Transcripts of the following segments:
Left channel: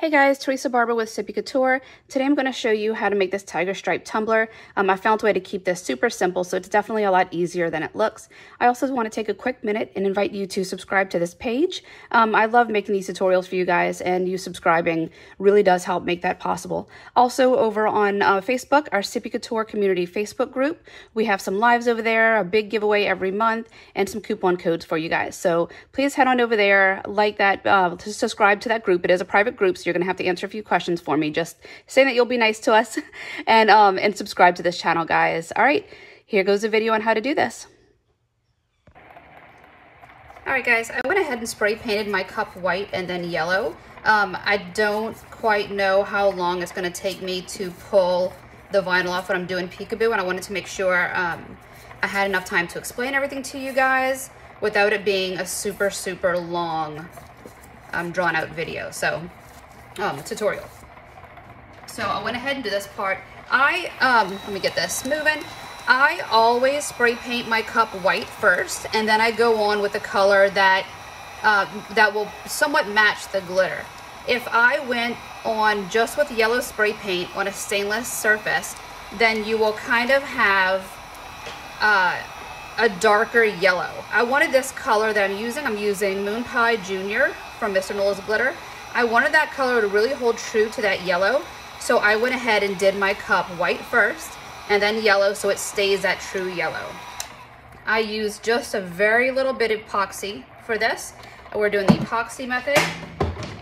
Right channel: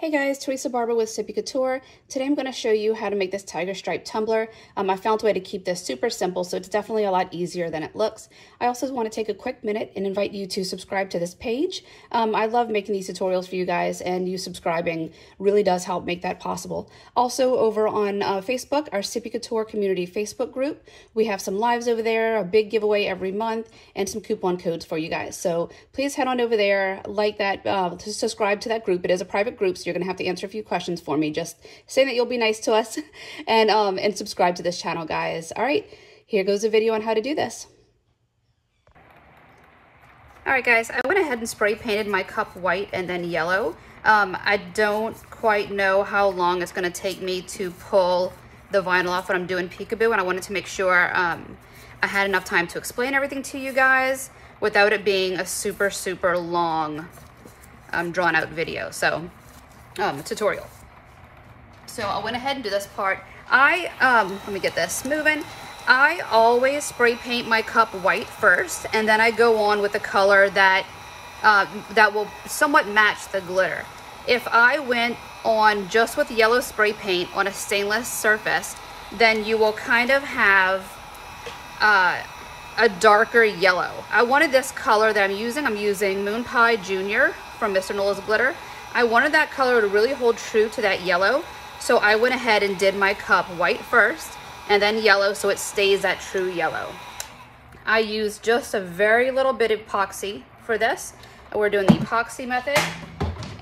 Hey guys, Teresa Barber with Sippie Couture. Today I'm going to show you how to make this tiger stripe tumbler. I found a way to keep this super simple, so it's definitely a lot easier than it looks. I also want to take a quick minute and invite you to subscribe to this page. I love making these tutorials for you guys, and you subscribing really does help make that possible. Also over on Facebook, our Sippie Couture community Facebook group, we have some lives over there, a big giveaway every month, and some coupon codes for you guys. So please head on over there, like that, to subscribe to that group. It is a private group, so you're going to have to answer a few questions for me. Just say that you'll be nice to us and subscribe to this channel, guys. All right, here goes a video on how to do this. All right, guys, I went ahead and spray painted my cup white and then yellow. I don't quite know how long it's going to take me to pull the vinyl off when I'm doing peekaboo, and I wanted to make sure I had enough time to explain everything to you guys without it being a super long drawn out video. So tutorial. So I went ahead and did this part. Let me get this moving. I always spray paint my cup white first, and then I go on with the color that that will somewhat match the glitter. If I went on just with yellow spray paint on a stainless surface, then you will kind of have a darker yellow. I wanted this color that I'm using Moon Pie Junior from Mr. Noel's Glitter. I wanted that color to really hold true to that yellow, so I went ahead and did my cup white first and then yellow, so it stays that true yellow. I used just a very little bit of epoxy for this. We're doing the epoxy method,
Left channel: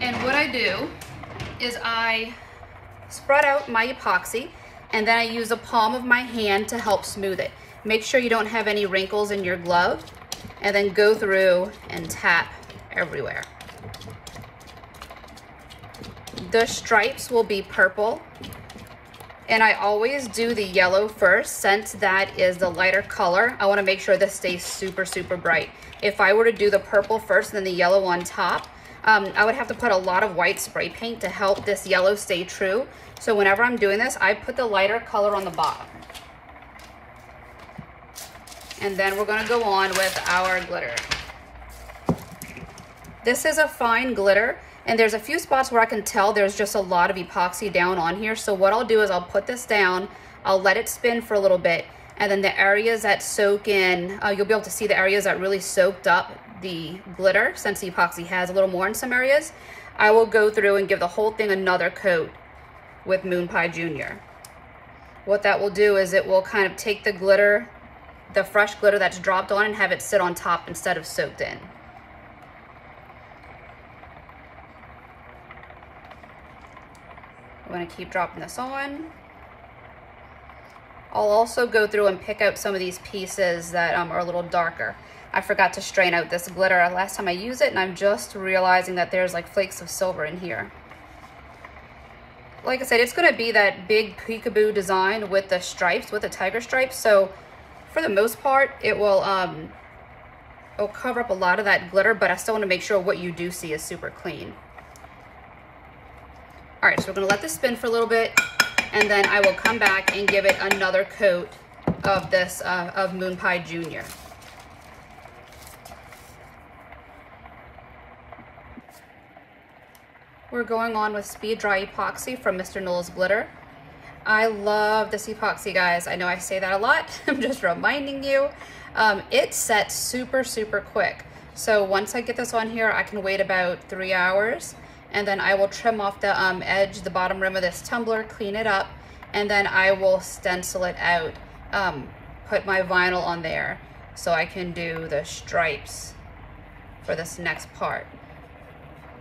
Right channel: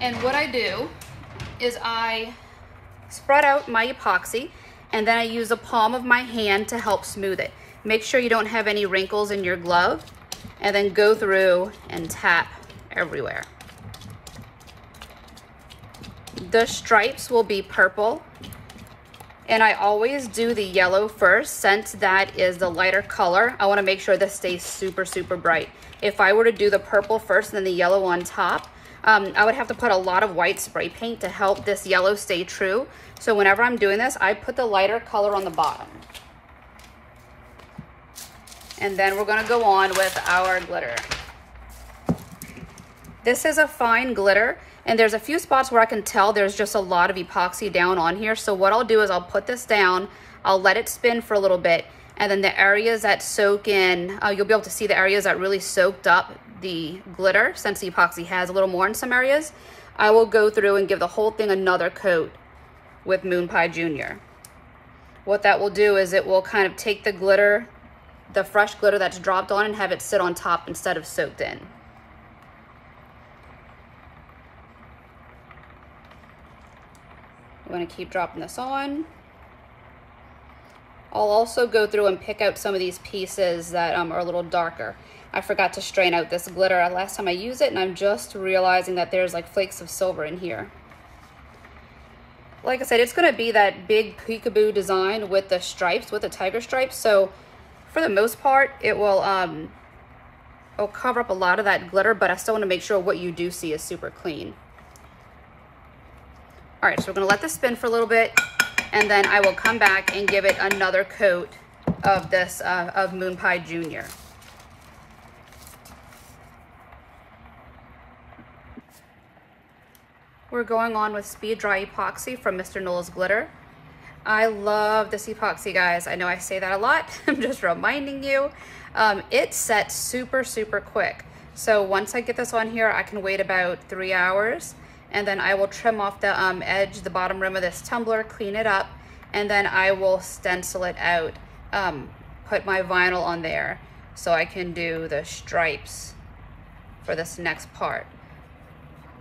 and what I do is I spread out my epoxy and then I use the palm of my hand to help smooth it. Make sure you don't have any wrinkles in your glove, and then go through and tap everywhere. The stripes will be purple, and I always do the yellow first since that is the lighter color. I want to make sure this stays super bright. If I were to do the purple first and then the yellow on top, I would have to put a lot of white spray paint to help this yellow stay true. So whenever I'm doing this, I put the lighter color on the bottom. And then we're going to go on with our glitter. This is a fine glitter, and there's a few spots where I can tell there's just a lot of epoxy down on here. So what I'll do is I'll put this down, I'll let it spin for a little bit, and then the areas that soak in, you'll be able to see the areas that really soaked up the glitter, since the epoxy has a little more in some areas. I will go through and give the whole thing another coat with Moon Pie Junior. What that will do is it will kind of take the glitter, the fresh glitter that's dropped on, and have it sit on top instead of soaked in. I'm going to keep dropping this on. I'll also go through and pick out some of these pieces that are a little darker. I forgot to strain out this glitter last time I used it, and I'm just realizing that there's like flakes of silver in here. Like I said, it's going to be that big peekaboo design with the stripes, with the tiger stripes. So for the most part, it will it'll cover up a lot of that glitter, but I still want to make sure what you do see is super clean. All right, so we're gonna let this spin for a little bit, and then I will come back and give it another coat of this, of Moon Pie Junior. We're going on with Speed Dry Epoxy from Mr. Noel's Glitter. I love this epoxy, guys. I know I say that a lot. I'm just reminding you. It sets super quick. So once I get this on here, I can wait about 3 hours. And then I will trim off the edge, the bottom rim of this tumbler, clean it up, and then I will stencil it out, put my vinyl on there so I can do the stripes for this next part.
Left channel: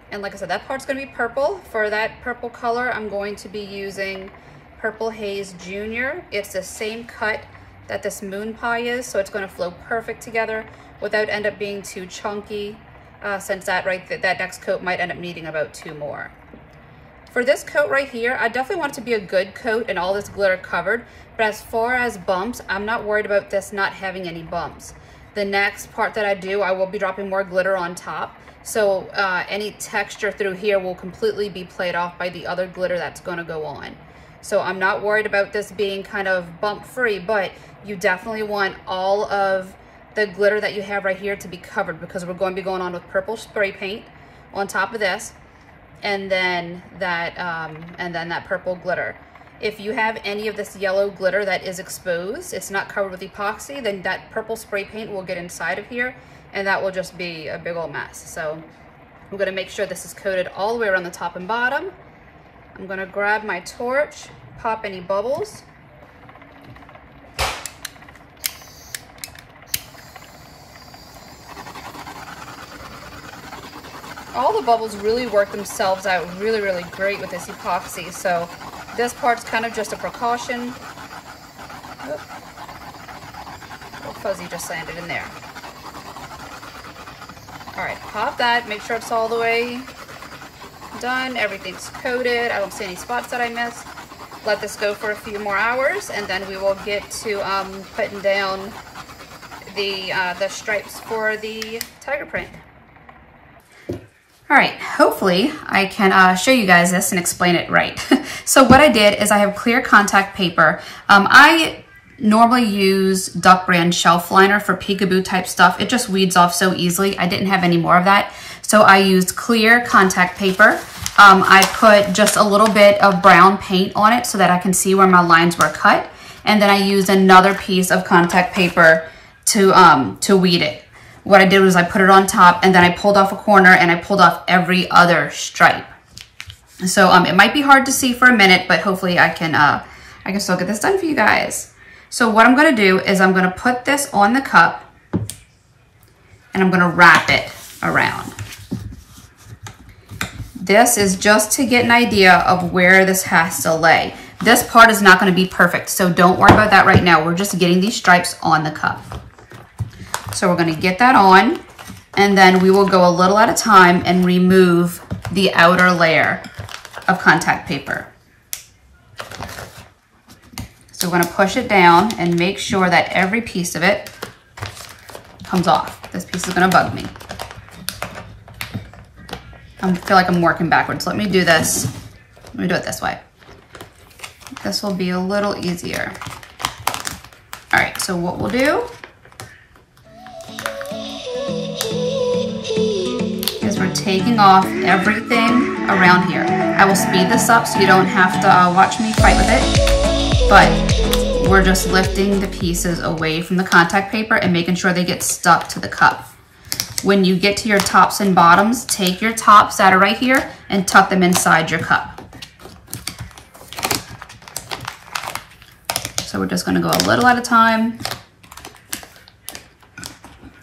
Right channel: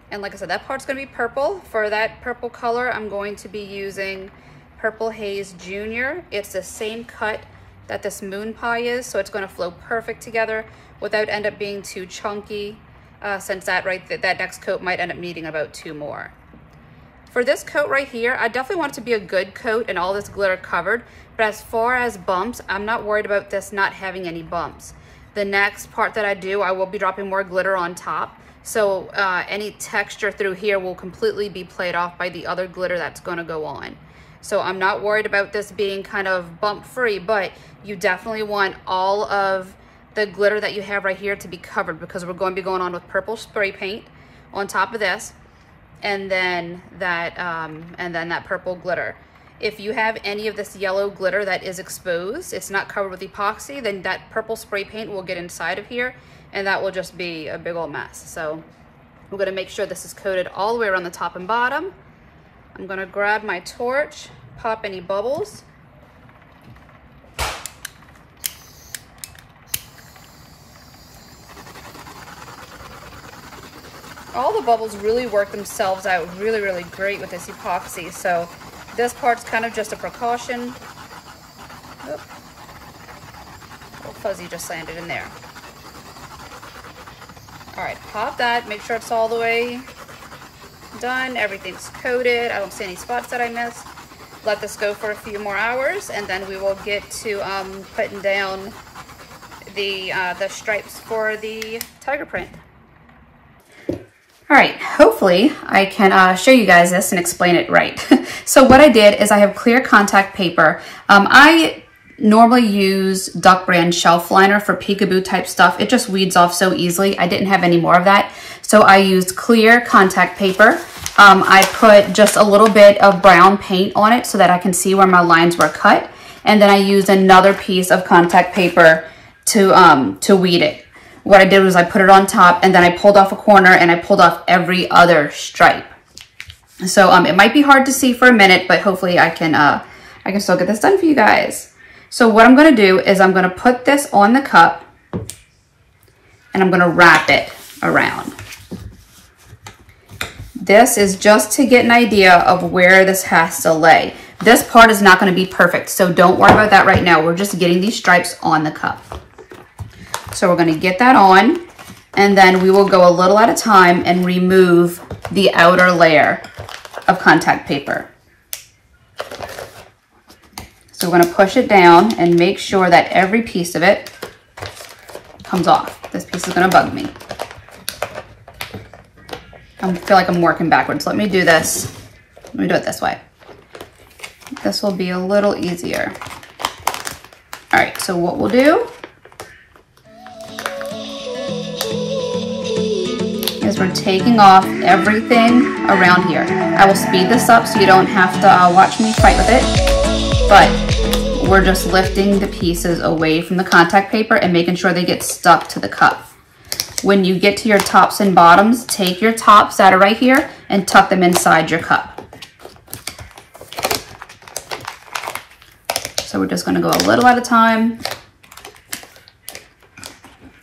And like I said, that part's going to be purple. For that purple color, I'm going to be using Purple Haze Junior. It's the same cut that this Moon Pie is, so it's going to flow perfect together without end up being too chunky. Since that next coat might end up needing about 2 more. For this coat right here, I definitely want it to be a good coat and all this glitter covered, but as far as bumps, I'm not worried about this not having any bumps. The next part that I do, I will be dropping more glitter on top, so any texture through here will completely be played off by the other glitter that's going to go on. So I'm not worried about this being kind of bump free, but you definitely want all of the glitter that you have right here to be covered, because we're going to be going on with purple spray paint on top of this. and then that purple glitter. If you have any of this yellow glitter that is exposed, it's not covered with epoxy, then that purple spray paint will get inside of here, and that will just be a big old mess. So we're gonna make sure this is coated all the way around the top and bottom. I'm gonna grab my torch, pop any bubbles. All the bubbles really work themselves out really, really great with this epoxy. So this part's kind of just a precaution. Oop. Little fuzzy just landed in there. All right, pop that, make sure it's all the way done. Everything's coated. I don't see any spots that I missed. Let this go for a few more hours, and then we will get to putting down the stripes for the tiger print. All right, hopefully I can show you guys this and explain it right. So what I did is I have clear contact paper. I normally use Duck Brand shelf liner for peekaboo type stuff. It just weeds off so easily. I didn't have any more of that. So I used clear contact paper. I put just a little bit of brown paint on it so that I can see where my lines were cut. And then I used another piece of contact paper to weed it. What I did was I put it on top, and then I pulled off a corner and I pulled off every other stripe. So it might be hard to see for a minute, but hopefully I can still get this done for you guys. So what I'm gonna do is I'm gonna put this on the cup and I'm gonna wrap it around. This is just to get an idea of where this has to lay. This part is not gonna be perfect, so don't worry about that right now. We're just getting these stripes on the cup. So we're gonna get that on, and then we will go a little at a time and remove the outer layer of contact paper. So we're gonna push it down and make sure that every piece of it comes off. This piece is gonna bug me. I feel like I'm working backwards. Let me do this. Let me do it this way. This will be a little easier. All right, so what we'll do is we're taking off everything around here. I will speed this up so you don't have to watch me fight with it, but we're just lifting the pieces away from the contact paper and making sure they get stuck to the cup. When you get to your tops and bottoms, take your tops that are right here and tuck them inside your cup. So we're just gonna go a little at a time.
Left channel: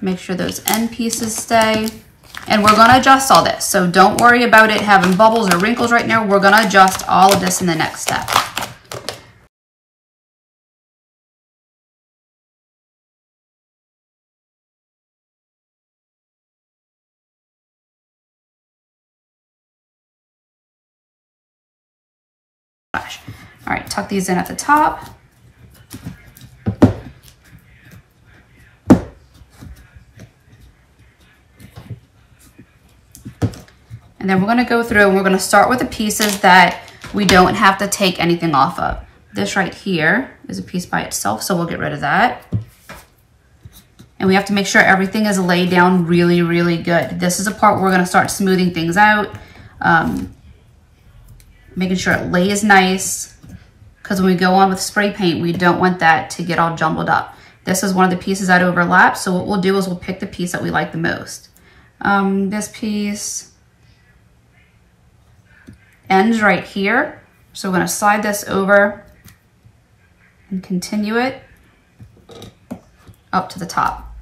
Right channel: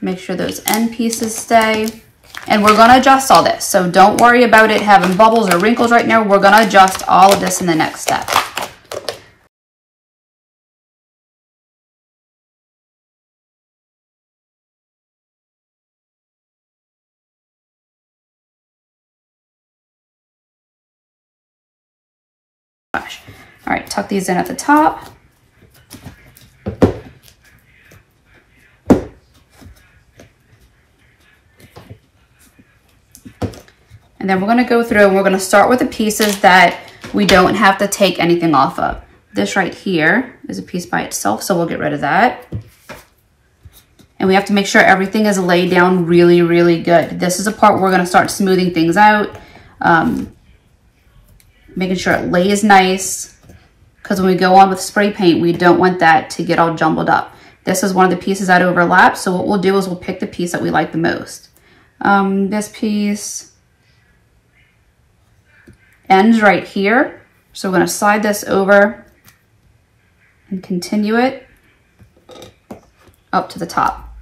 Make sure those end pieces stay. And we're gonna adjust all this. So don't worry about it having bubbles or wrinkles right now. We're gonna adjust all of this in the next step. All right, tuck these in at the top. And then we're gonna go through and we're gonna start with the pieces that we don't have to take anything off of. This right here is a piece by itself, so we'll get rid of that. And we have to make sure everything is laid down really, really good. This is a part where we're gonna start smoothing things out, making sure it lays nice, because when we go on with spray paint, we don't want that to get all jumbled up. This is one of the pieces that overlaps, so what we'll do is we'll pick the piece that we like the most. This piece ends right here, so we're gonna slide this over and continue it up to the top.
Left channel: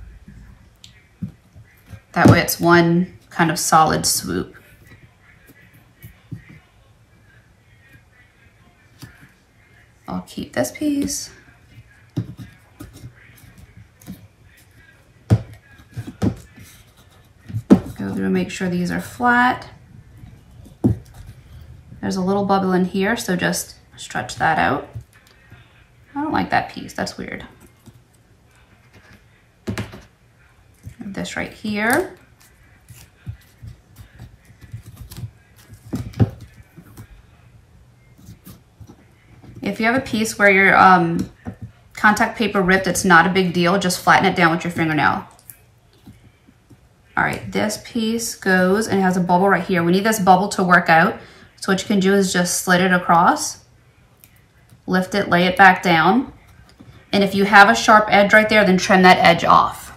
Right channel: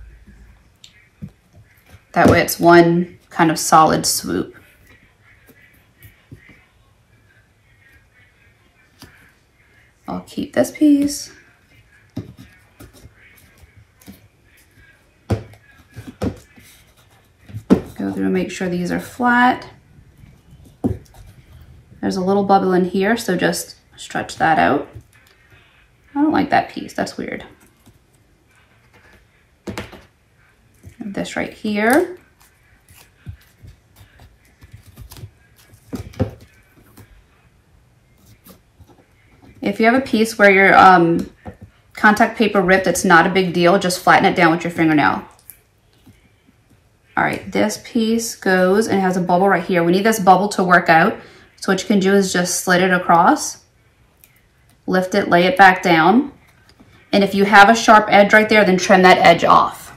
That way it's one kind of solid swoop. I'll keep this piece. Go through and make sure these are flat. There's a little bubble in here, so just stretch that out. I don't like that piece, that's weird. Have this right here. If you have a piece where your contact paper ripped, it's not a big deal, just flatten it down with your fingernail. All All right, this piece goes and it has a bubble right here. We need this bubble to work out. So what you can do is just slit it across, lift it, lay it back down. And if you have a sharp edge right there, then trim that edge off.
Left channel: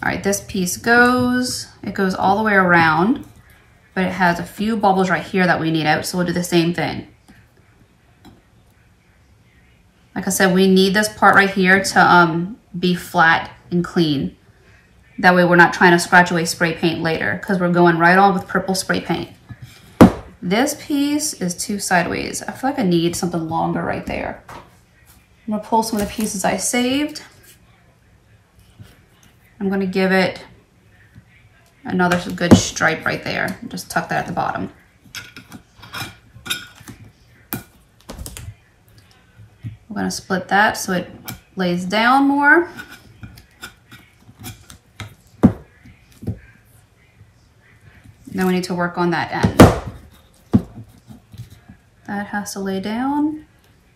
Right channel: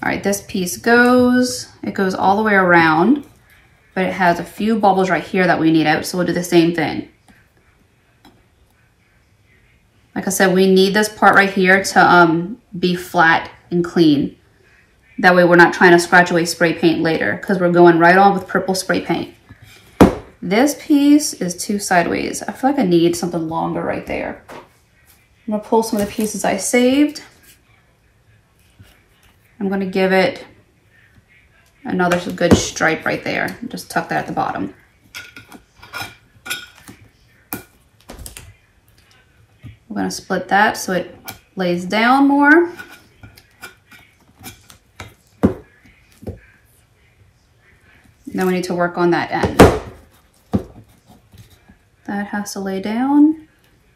All right, this piece goes, it goes all the way around, but it has a few bubbles right here that we need out. So we'll do the same thing. Like I said, we need this part right here to be flat and clean. That way we're not trying to scratch away spray paint later because we're going right on with purple spray paint. This piece is too sideways. I feel like I need something longer right there. I'm gonna pull some of the pieces I saved. I'm gonna give it another good stripe right there. Just tuck that at the bottom. We're gonna split that so it lays down more. Then we need to work on that end. That has to lay down,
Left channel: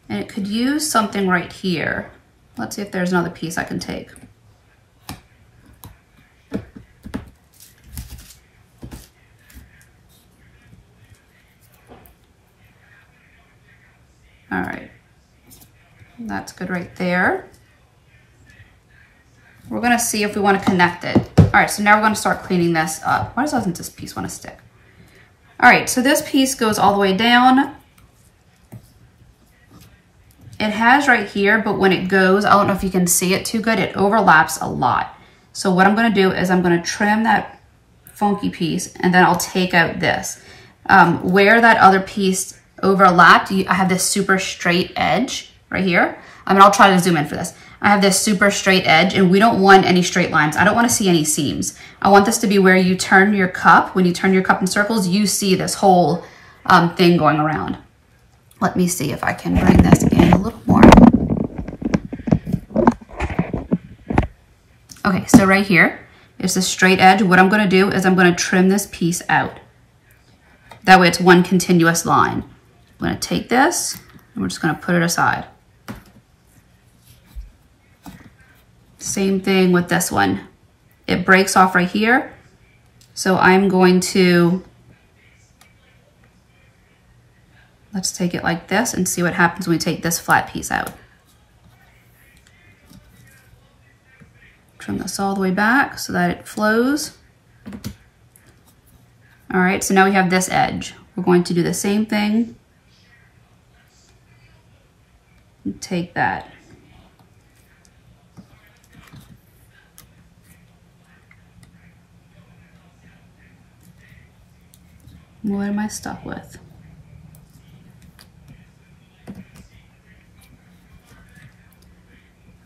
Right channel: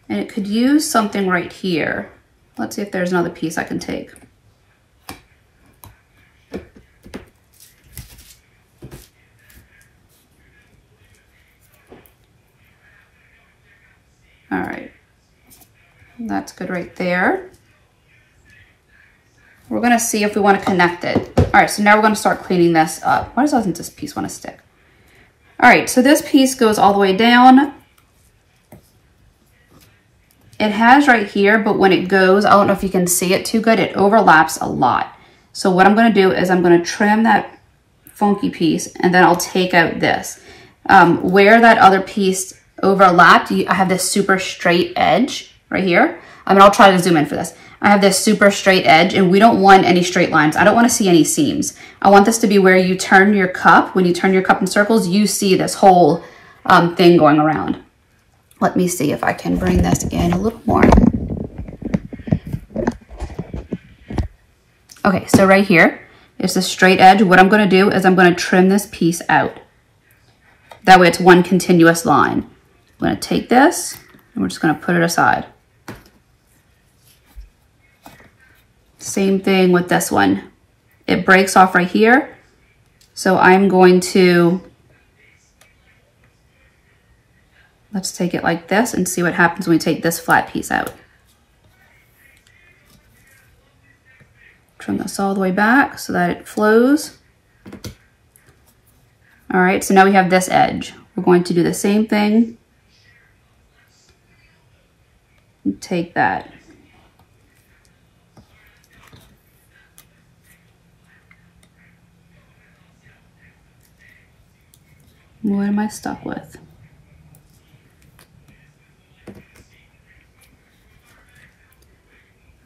and it could use something right here. Let's see if there's another piece I can take. All right, that's good right there. We're gonna see if we wanna connect it. All right, so now we're gonna start cleaning this up. Why doesn't this piece wanna stick? All right, so this piece goes all the way down. It has right here, but when it goes, I don't know if you can see it too good, it overlaps a lot. So what I'm gonna do is I'm gonna trim that funky piece and then I'll take out this. Where that other piece overlapped, I have this super straight edge right here. I mean, I'll try to zoom in for this. I have this super straight edge and we don't want any straight lines. I don't want to see any seams. I want this to be where you turn your cup. When you turn your cup in circles, you see this whole thing going around. Let me see if I can bring this in a little more. Okay, so right here is the straight edge. What I'm gonna do is I'm gonna trim this piece out. That way it's one continuous line. I'm gonna take this and we're just gonna put it aside. Same thing with this one. It breaks off right here. So I'm going to, let's take it like this and see what happens when we take this flat piece out. Trim this all the way back so that it flows. All right, so now we have this edge. We're going to do the same thing. And take that. What am I stuck with?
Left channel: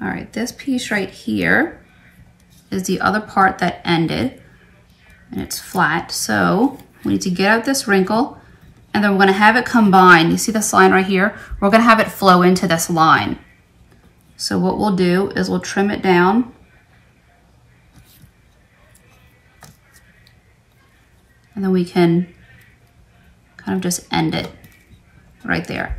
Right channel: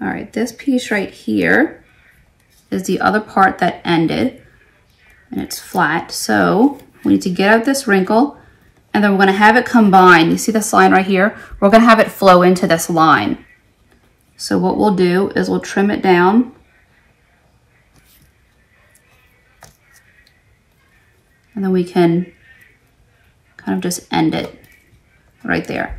All right, this piece right here is the other part that ended and it's flat. So we need to get out this wrinkle and then we're gonna have it combine. You see this line right here? We're gonna have it flow into this line. So what we'll do is we'll trim it down. And then we can kind of just end it right there.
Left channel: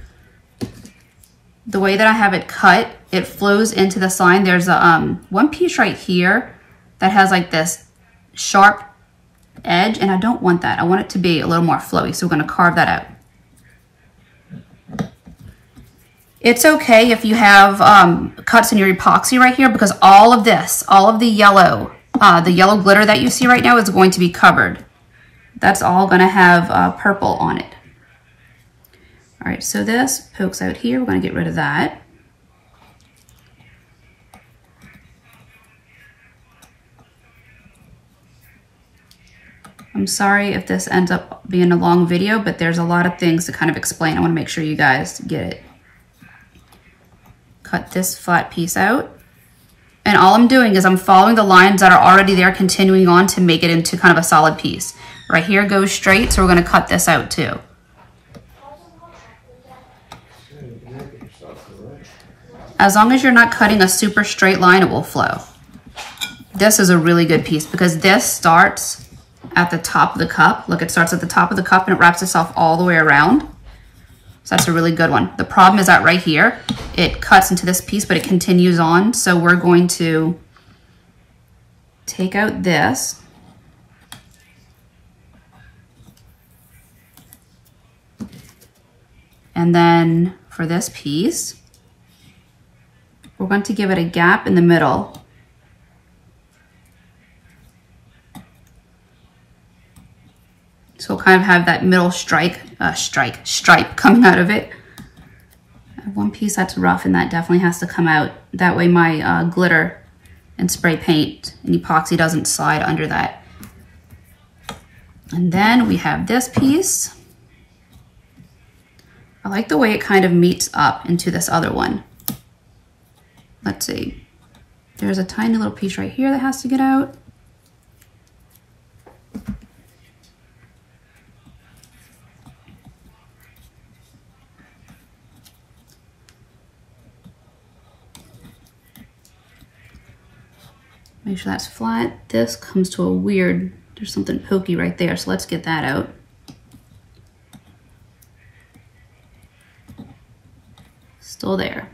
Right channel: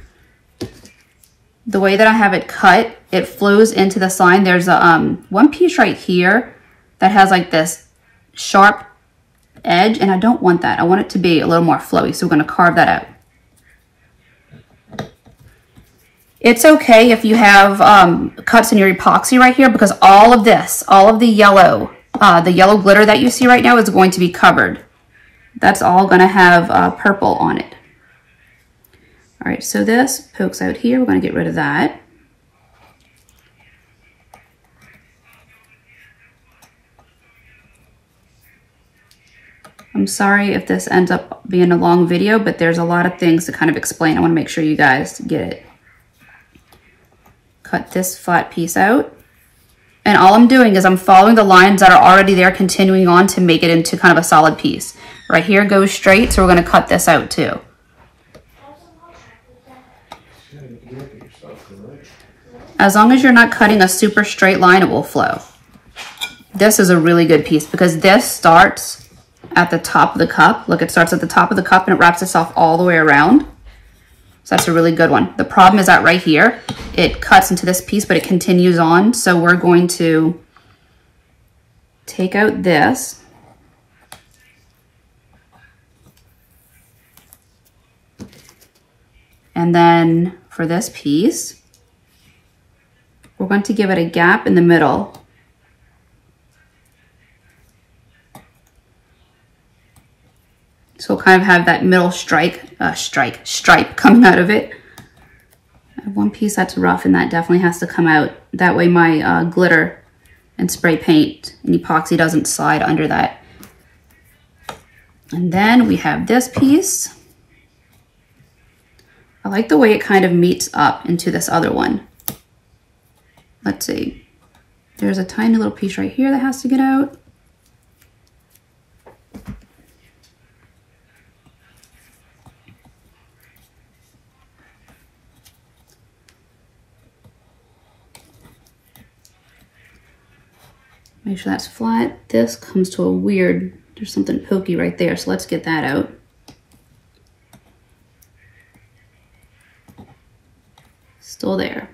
The way that I have it cut, it flows into this line. There's a one piece right here that has like this sharp edge, and I don't want that. I want it to be a little more flowy, so we're gonna carve that out. It's okay if you have cuts in your epoxy right here, because all of this, all of the yellow glitter that you see right now is going to be covered. That's all gonna have purple on it. All right, so this pokes out here. We're gonna get rid of that. I'm sorry if this ends up being a long video, but there's a lot of things to kind of explain. I wanna make sure you guys get it. Cut this flat piece out. And all I'm doing is I'm following the lines that are already there, continuing on to make it into kind of a solid piece. Right here goes straight, so we're gonna cut this out too. As long as you're not cutting a super straight line, it will flow. This is a really good piece because this starts at the top of the cup. Look, it starts at the top of the cup and it wraps itself all the way around. So that's a really good one. The problem is that right here, it cuts into this piece, but it continues on. So we're going to take out this. And then for this piece, we're going to give it a gap in the middle. So we'll kind of have that middle stripe coming out of it. I have one piece that's rough and that definitely has to come out. That way my glitter and spray paint and epoxy doesn't slide under that. And then we have this piece. I like the way it kind of meets up into this other one. Let's see. There's a tiny little piece right here that has to get out. Make sure that's flat. This comes to a weird, there's something pokey right there, so let's get that out. Still there.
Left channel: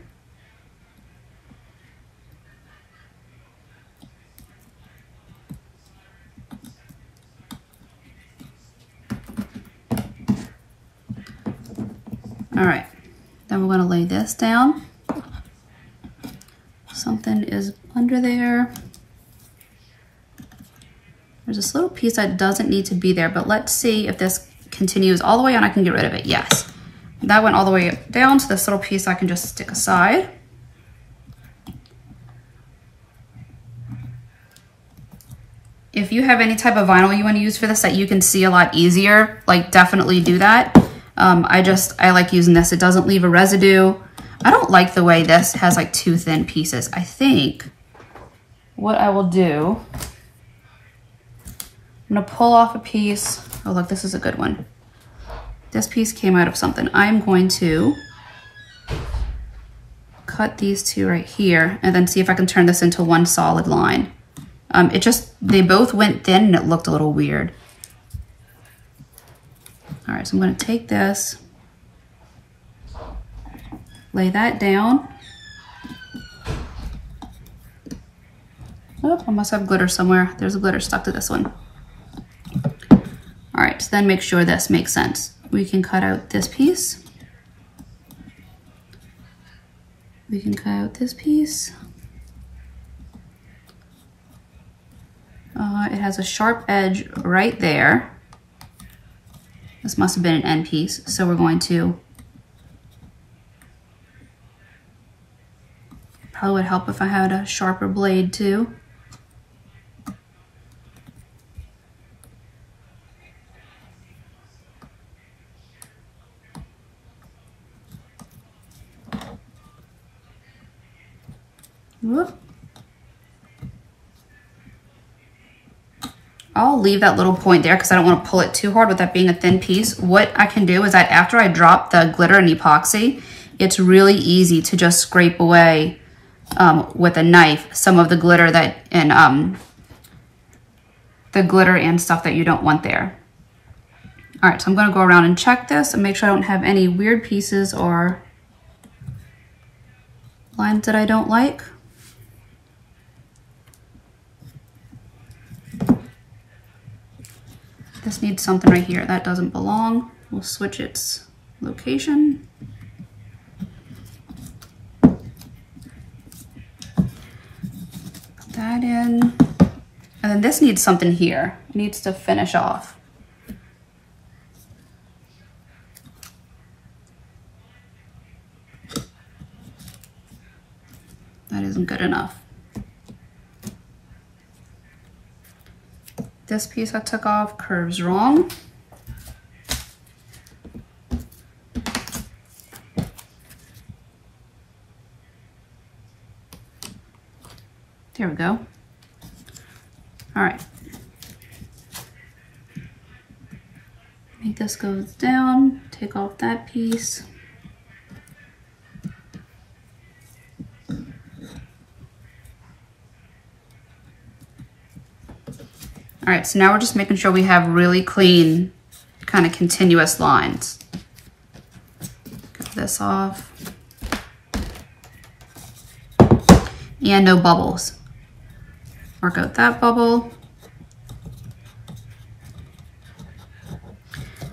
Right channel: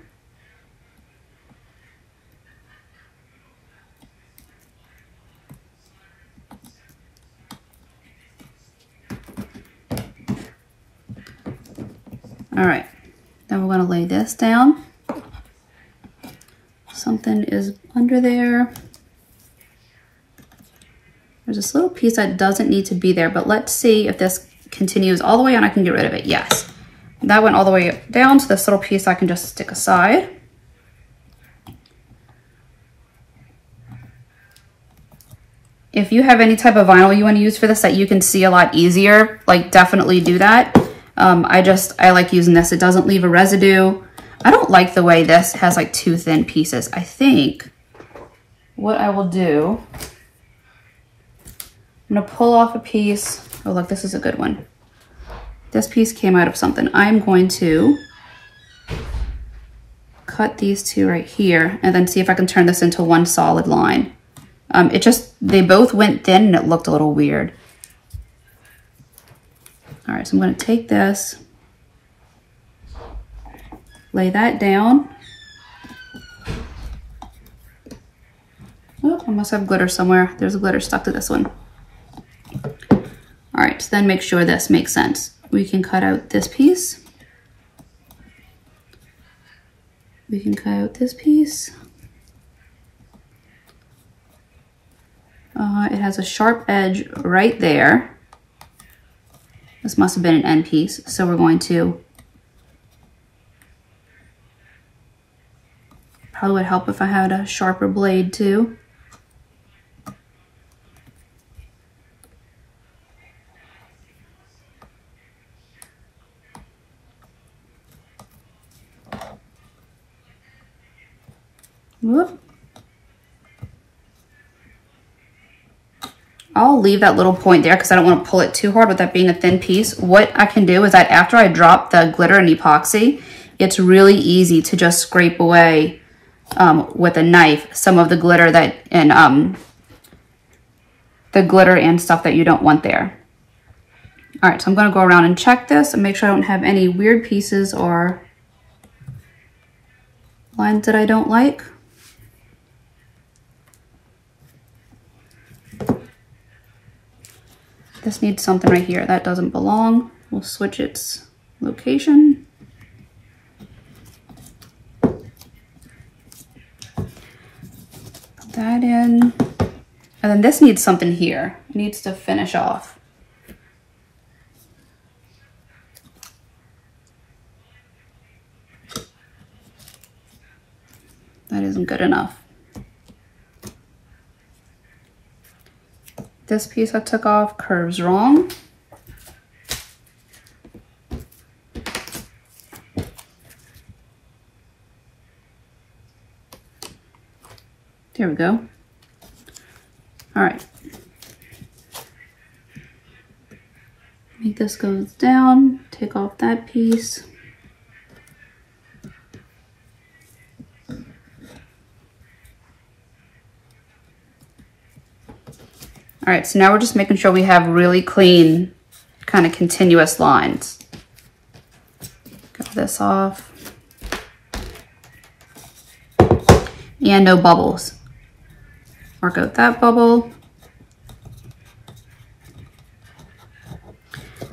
All right, then we're gonna lay this down. Something is under there. There's this little piece that doesn't need to be there, but let's see if this continues all the way on. I can get rid of it, yes. That went all the way down, so this little piece I can just stick aside. If you have any type of vinyl you want to use for this that you can see a lot easier, like definitely do that. I like using this. It doesn't leave a residue. I don't like the way this has like two thin pieces. I think what I will do, I'm gonna pull off a piece. Oh look, this is a good one. This piece came out of something. I'm going to cut these two right here and then see if I can turn this into one solid line. They both went thin and it looked a little weird. All right, so I'm gonna take this, lay that down. Oh, I must have glitter somewhere. There's a glitter stuck to this one. All right, so then make sure this makes sense. We can cut out this piece. We can cut out this piece. It has a sharp edge right there. This must have been an end piece, so we're going to, probably would help if I had a sharper blade too. Whoop. I'll leave that little point there because I don't want to pull it too hard with that being a thin piece. What I can do is that after I drop the glitter and epoxy, it's really easy to just scrape away with a knife some of the glitter and stuff that you don't want there. All right, so I'm going to go around and check this and make sure I don't have any weird pieces or lines that I don't like. This needs something right here. That doesn't belong. We'll switch its location. Put that in. And then this needs something here. It needs to finish off. That isn't good enough. This piece I took off curves wrong. There we go. All right. Make this goes down, take off that piece. All right, so now we're just making sure we have really clean, kind of continuous lines. Get this off. And no bubbles Mark out that bubble.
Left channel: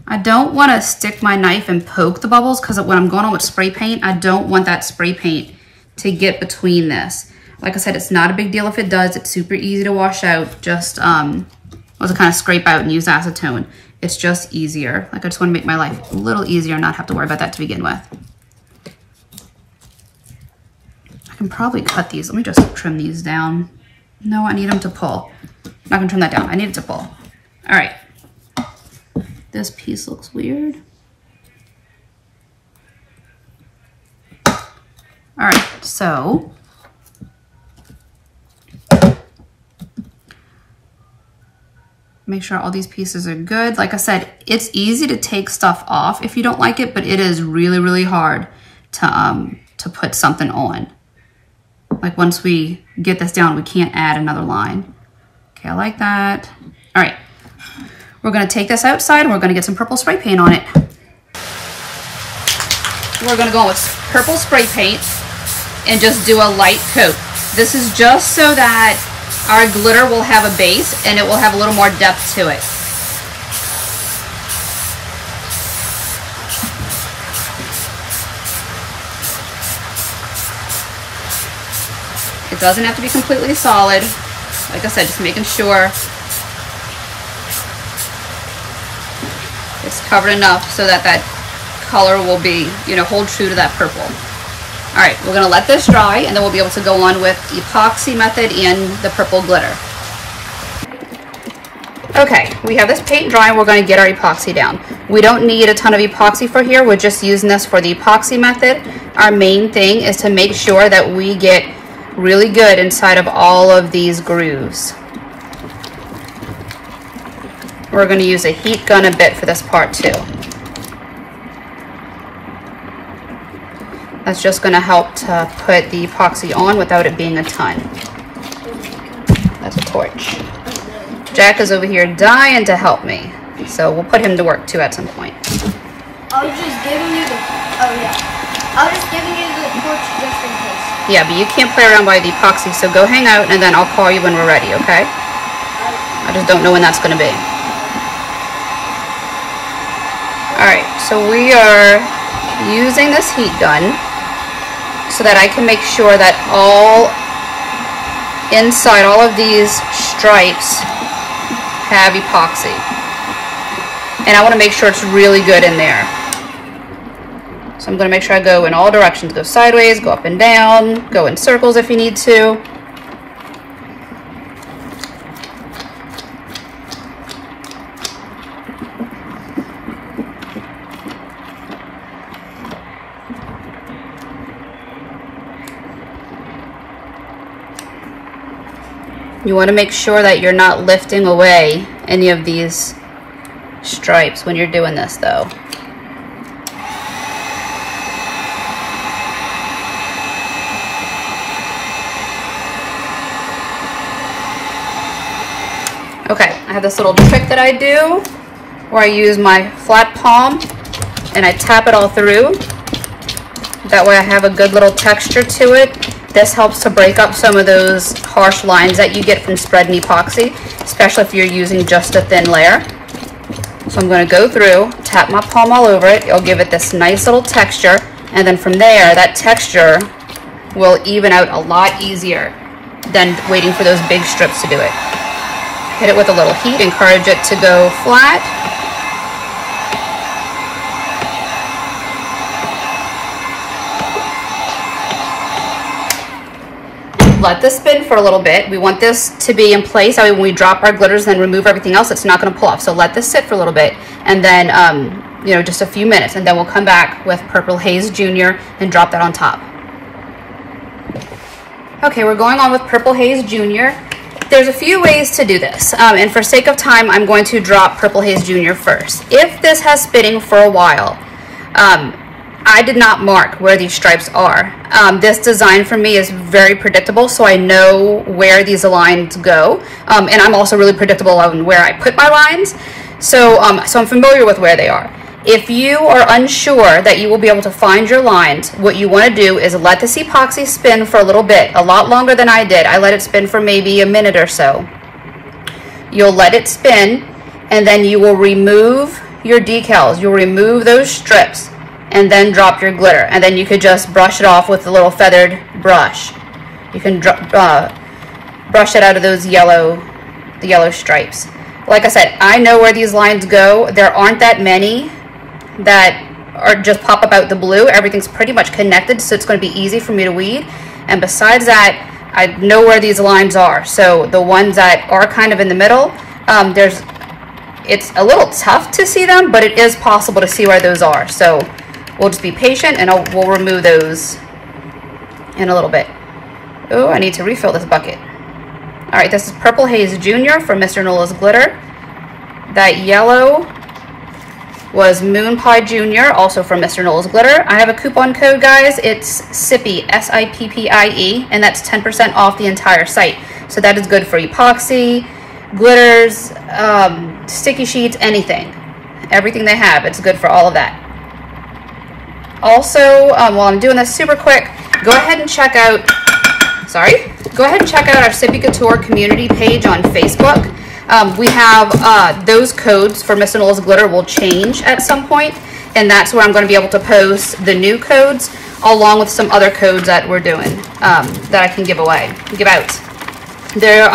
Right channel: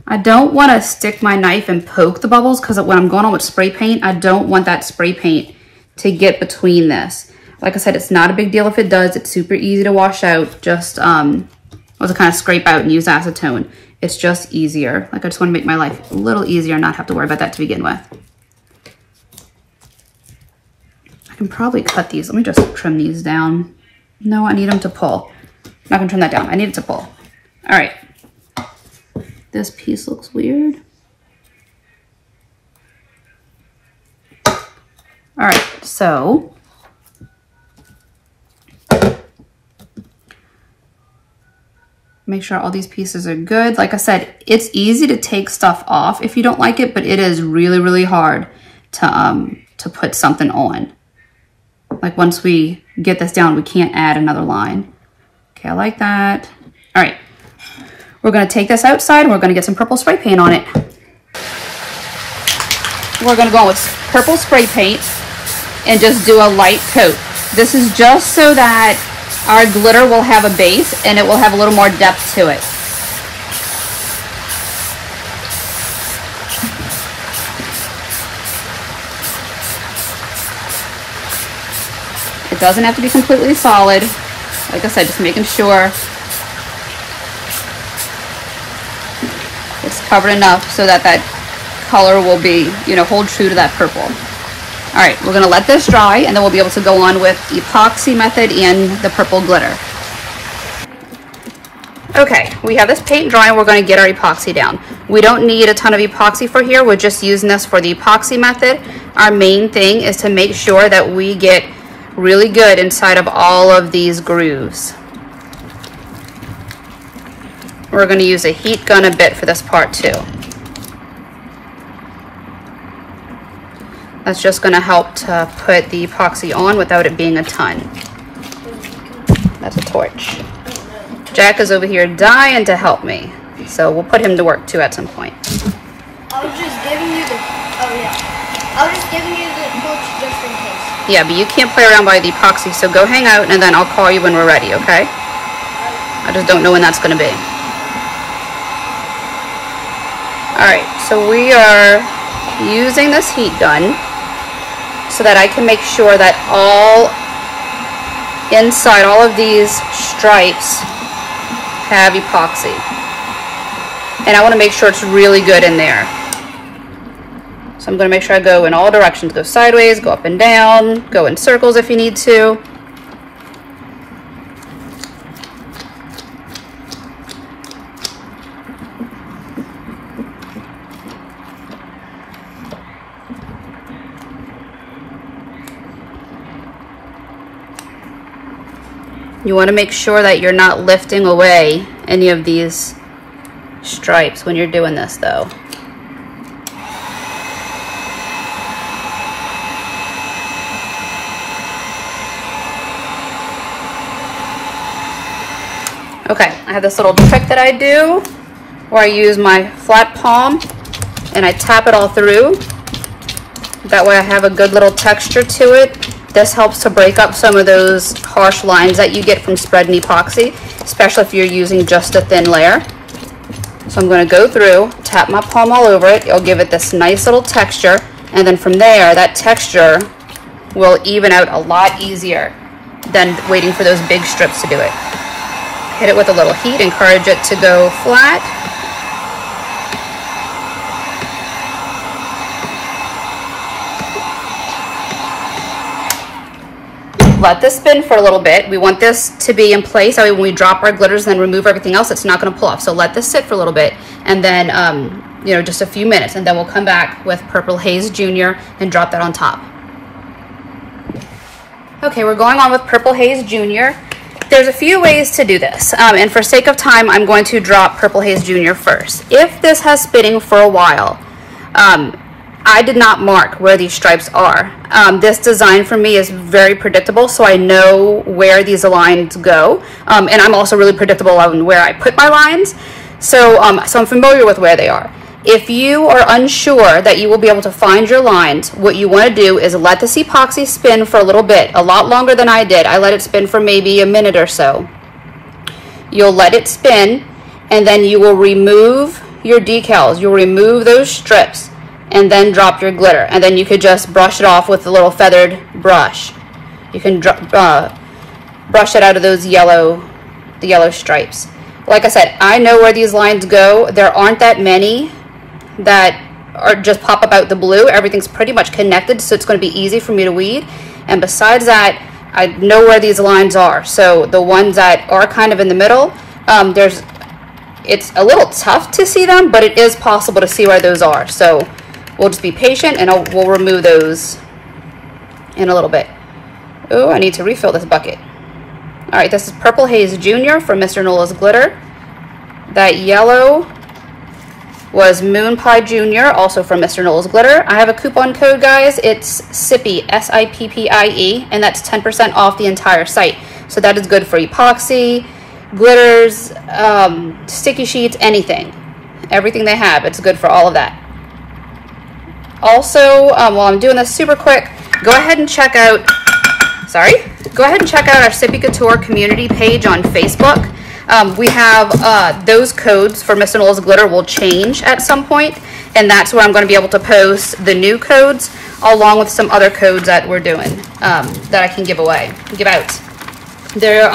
I don't want to stick my knife and poke the bubbles because when I'm going on with spray paint, I don't want that spray paint to get between this. Like I said, it's not a big deal if it does. It's super easy to wash out. Just kind of scrape out and use acetone. It's just easier. Like I just want to make my life a little easier and not have to worry about that to begin with. I can probably cut these. Let me just trim these down. No, I need them to pull. I'm not gonna trim that down. I need it to pull. All right. This piece looks weird. All right, so make sure all these pieces are good. Like I said, it's easy to take stuff off if you don't like it, but it is really, really hard to put something on. Like once we get this down, we can't add another line. Okay, I like that. All right, we're gonna take this outside and we're gonna get some purple spray paint on it. We're gonna go with purple spray paint and just do a light coat. This is just so that our glitter will have a base and it will have a little more depth to it. It doesn't have to be completely solid. Like I said, just making sure it's covered enough so that that color will be, you know, hold true to that purple. All right, we're gonna let this dry and then we'll be able to go on with Epoxy Method and the purple glitter. Okay, we have this paint dry and we're gonna get our epoxy down. We don't need a ton of epoxy for here. We're just using this for the Epoxy Method. Our main thing is to make sure that we get really good inside of all of these grooves. We're gonna use a heat gun a bit for this part too. That's just gonna help to put the epoxy on without it being a ton. That's a torch. Jack is over here dying to help me, so we'll put him to work too at some point. I was just giving you the, I was just giving you the torch just in case. Yeah, but you can't play around by the epoxy, so go hang out and then I'll call you when we're ready, okay? I just don't know when that's gonna be. All right, so we are using this heat gun so that I can make sure that inside all of these stripes have epoxy. And I want to make sure it's really good in there. So I'm going to make sure I go in all directions. Go sideways, go up and down, go in circles if you need to. You want to make sure that you're not lifting away any of these stripes when you're doing this though. Okay, I have this little trick that I do where I use my flat palm and I tap it all through. That way I have a good little texture to it. This helps to break up some of those harsh lines that you get from spreading epoxy, especially if you're using just a thin layer. So I'm going to go through, tap my palm all over it. It'll give it this nice little texture, and then from there, that texture will even out a lot easier than waiting for those big strips to do it. Hit it with a little heat, encourage it to go flat. Let this spin for a little bit. We want this to be in place. That way when we drop our glitters and then remove everything else, it's not going to pull off. So let this sit for a little bit and then, you know, just a few minutes, and then we'll come back with Purple Haze Junior and drop that on top. Okay, we're going on with Purple Haze Junior. There's a few ways to do this, and for sake of time, I'm going to drop Purple Haze Junior first. If this has spinning for a while, I did not mark where these stripes are. This design for me is very predictable, so I know where these lines go, and I'm also really predictable on where I put my lines, so I'm familiar with where they are. If you are unsure that you will be able to find your lines, what you want to do is let this epoxy spin for a little bit, a lot longer than I did. I let it spin for maybe a minute or so. You'll let it spin, and then you will remove your decals. You'll remove those strips and then drop your glitter, and then you could just brush it off with a little feathered brush. You can brush it out of those yellow stripes. Like I said, I know where these lines go. There aren't that many that are just pop up out the blue. Everything's pretty much connected, so it's going to be easy for me to weed. And besides that, I know where these lines are. So the ones that are kind of in the middle, it's a little tough to see them, but it is possible to see where those are. So we'll just be patient, and we'll remove those in a little bit. Oh, I need to refill this bucket. All right, this is Purple Haze Junior from Mr. Nola's Glitter. That yellow was Moon Pie Junior, also from Mr. Nola's Glitter. I have a coupon code, guys. It's Sippie, S-I-P-P-I-E, and that's 10% off the entire site. So that is good for epoxy, glitters, sticky sheets, anything. Everything they have, it's good for all of that. Also, while I'm doing this super quick, go ahead and check out our Sippie Couture community page on Facebook. We have those codes for Mr. Nola's Glitter will change at some point, and that's where I'm going to be able to post the new codes along with some other codes that we're doing that I can give out. There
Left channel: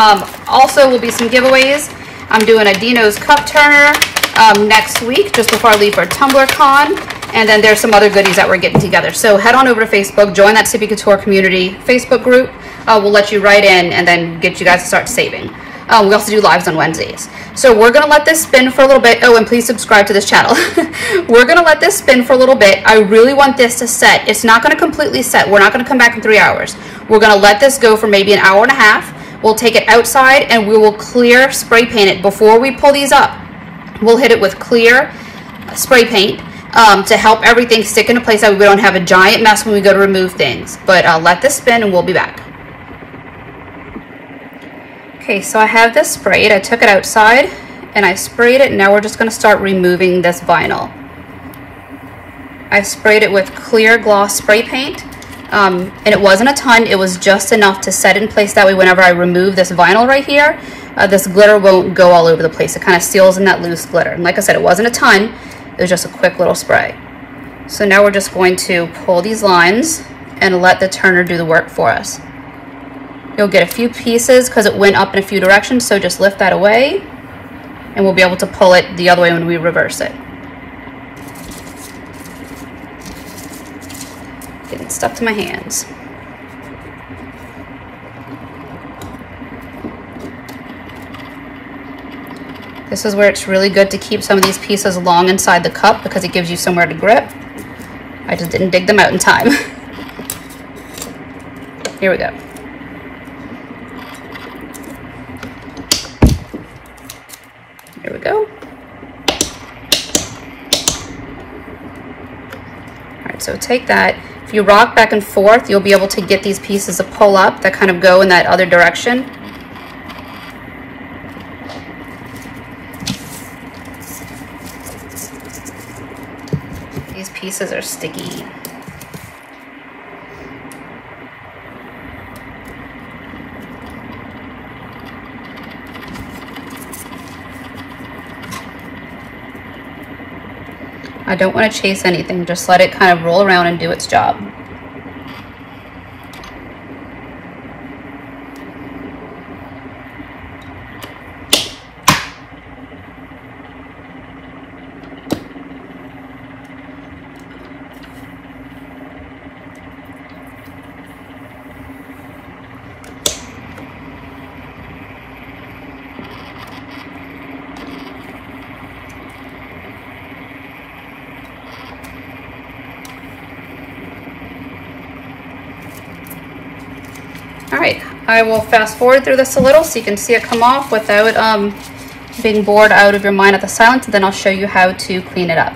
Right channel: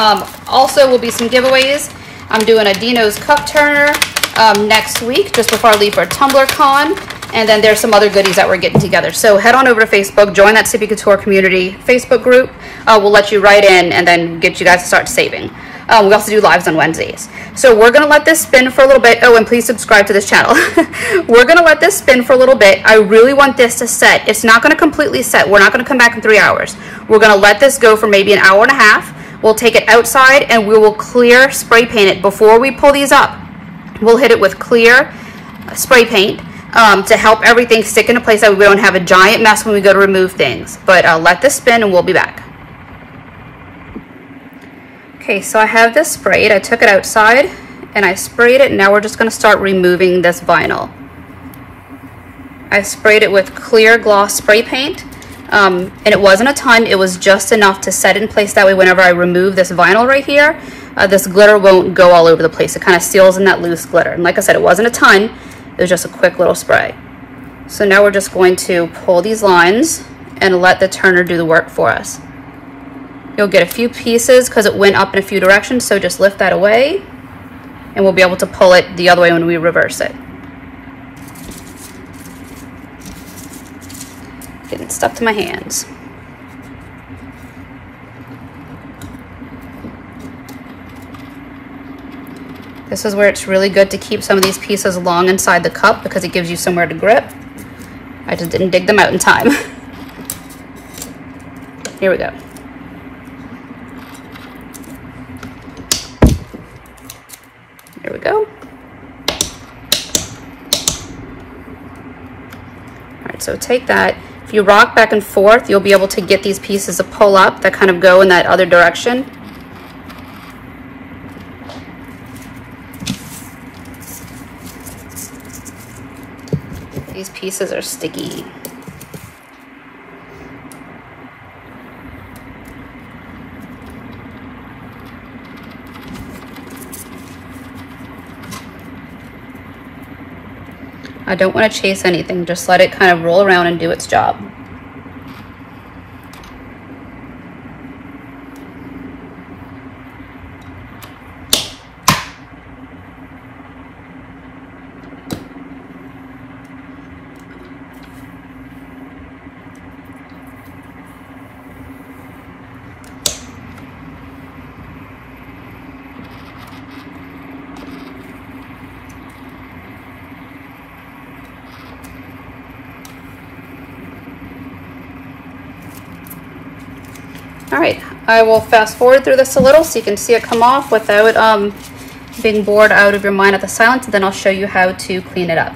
also will be some giveaways. I'm doing a Dino's cup turner next week, just before I leave for Tumbler Con, and then there's some other goodies that we're getting together. So head on over to Facebook, join that Sippie Couture community Facebook group. We'll let you right in and then get you guys to start saving. We also do lives on Wednesdays. So we're going to let this spin for a little bit. Oh, and please subscribe to this channel. We're going to let this spin for a little bit. I really want this to set. It's not going to completely set. We're not going to come back in 3 hours. We're going to let this go for maybe an hour and a half. We'll take it outside and we will clear spray paint it. Before we pull these up, we'll hit it with clear spray paint to help everything stick into place so we don't have a giant mess when we go to remove things. But let this spin and we'll be back. Okay, so I have this sprayed. I took it outside and I sprayed it, and now we're just going to start removing this vinyl. I sprayed it with clear gloss spray paint, and it wasn't a ton. It was just enough to set in place. That way whenever I remove this vinyl right here, this glitter won't go all over the place. It kind of seals in that loose glitter. And like I said, it wasn't a ton. It was just a quick little spray. So now we're just going to pull these lines and let the turner do the work for us. You'll get a few pieces because it went up in a few directions, so just lift that away and we'll be able to pull it the other way when we reverse it. Getting stuck to my hands. This is where it's really good to keep some of these pieces long inside the cup because it gives you somewhere to grip. I just didn't dig them out in time. Here we go. There we go. All right, so take that. If you rock back and forth, you'll be able to get these pieces to pull up that kind of go in that other direction. These pieces are sticky. I don't want to chase anything, just let it kind of roll around and do its job. All right, I will fast forward through this a little so you can see it come off without being bored out of your mind at the silence, and then I'll show you how to clean it up.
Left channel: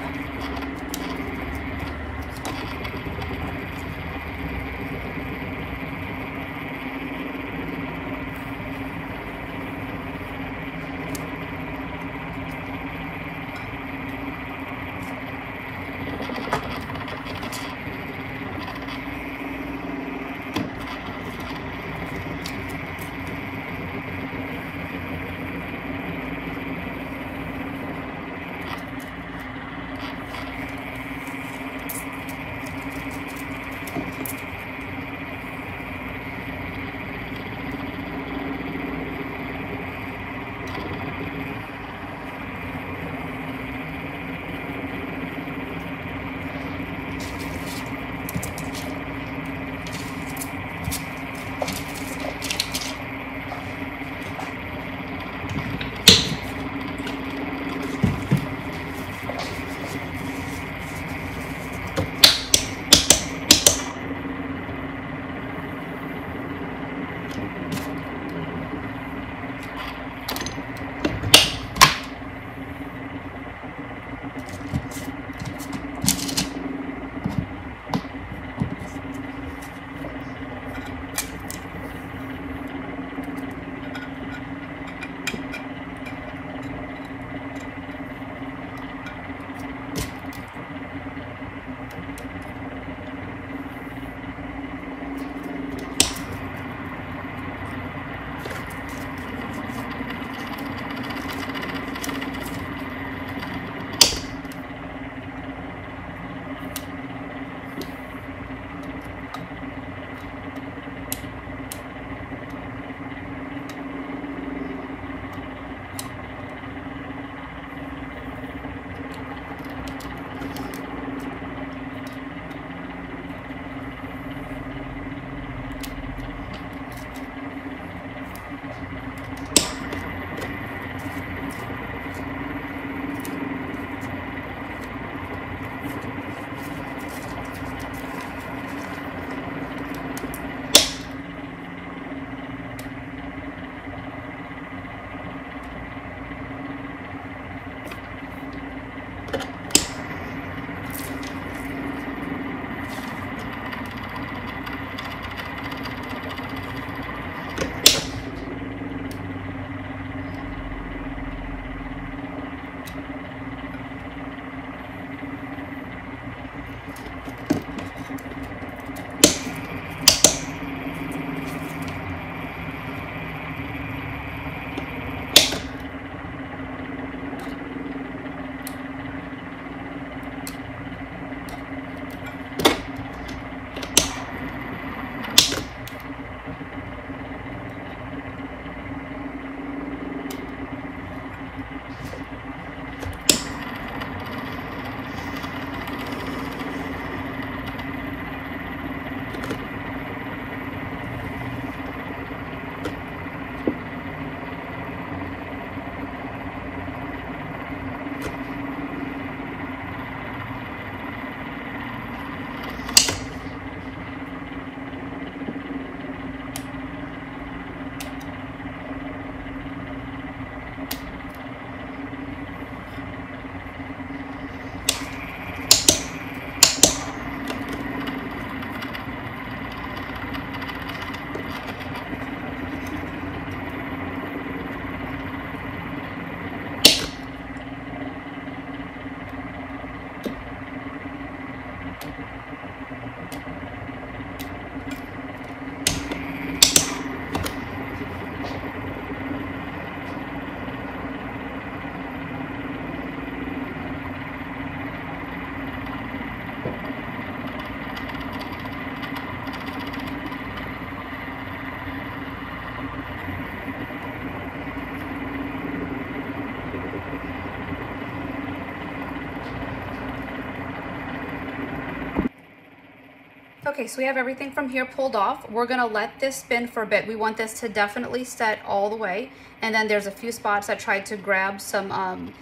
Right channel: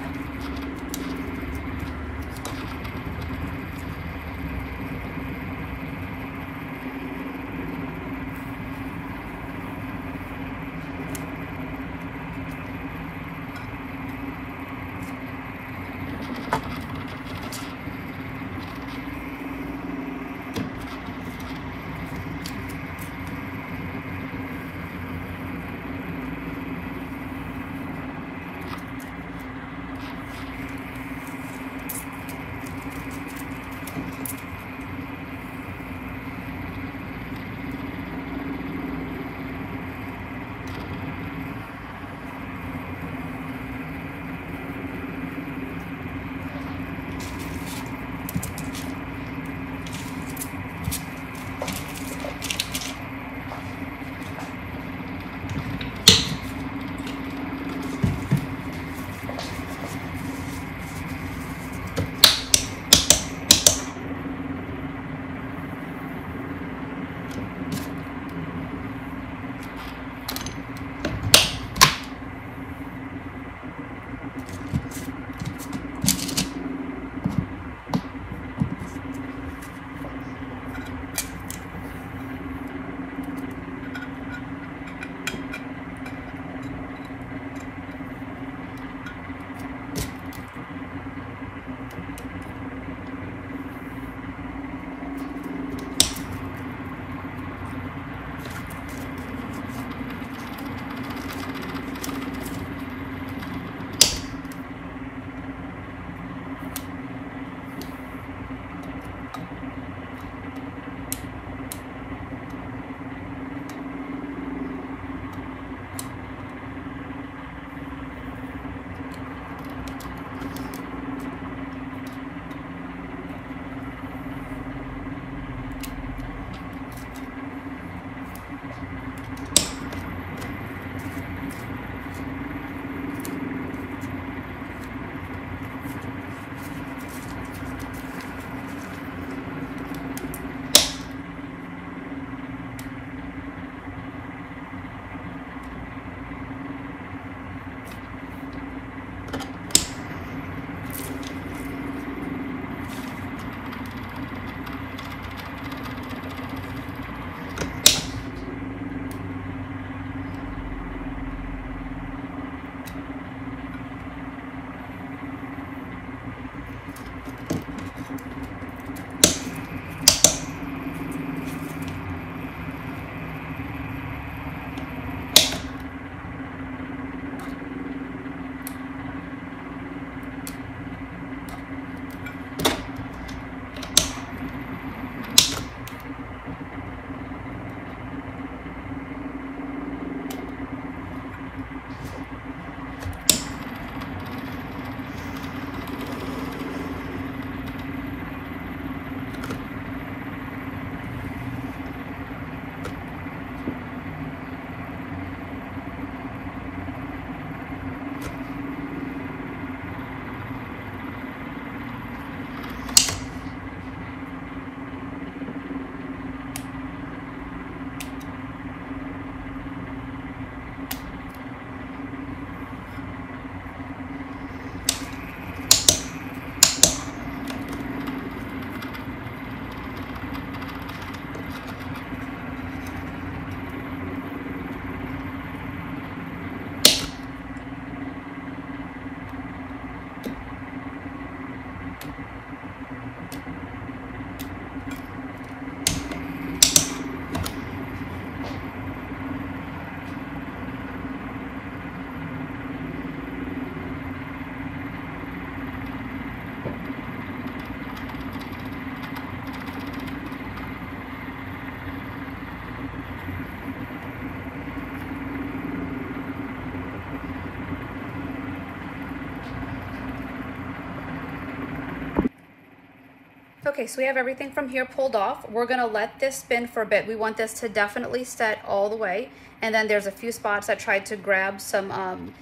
Okay, so we have everything from here pulled off. We're gonna let this spin for a bit. We want this to definitely set all the way. And then there's a few spots I tried to grab some,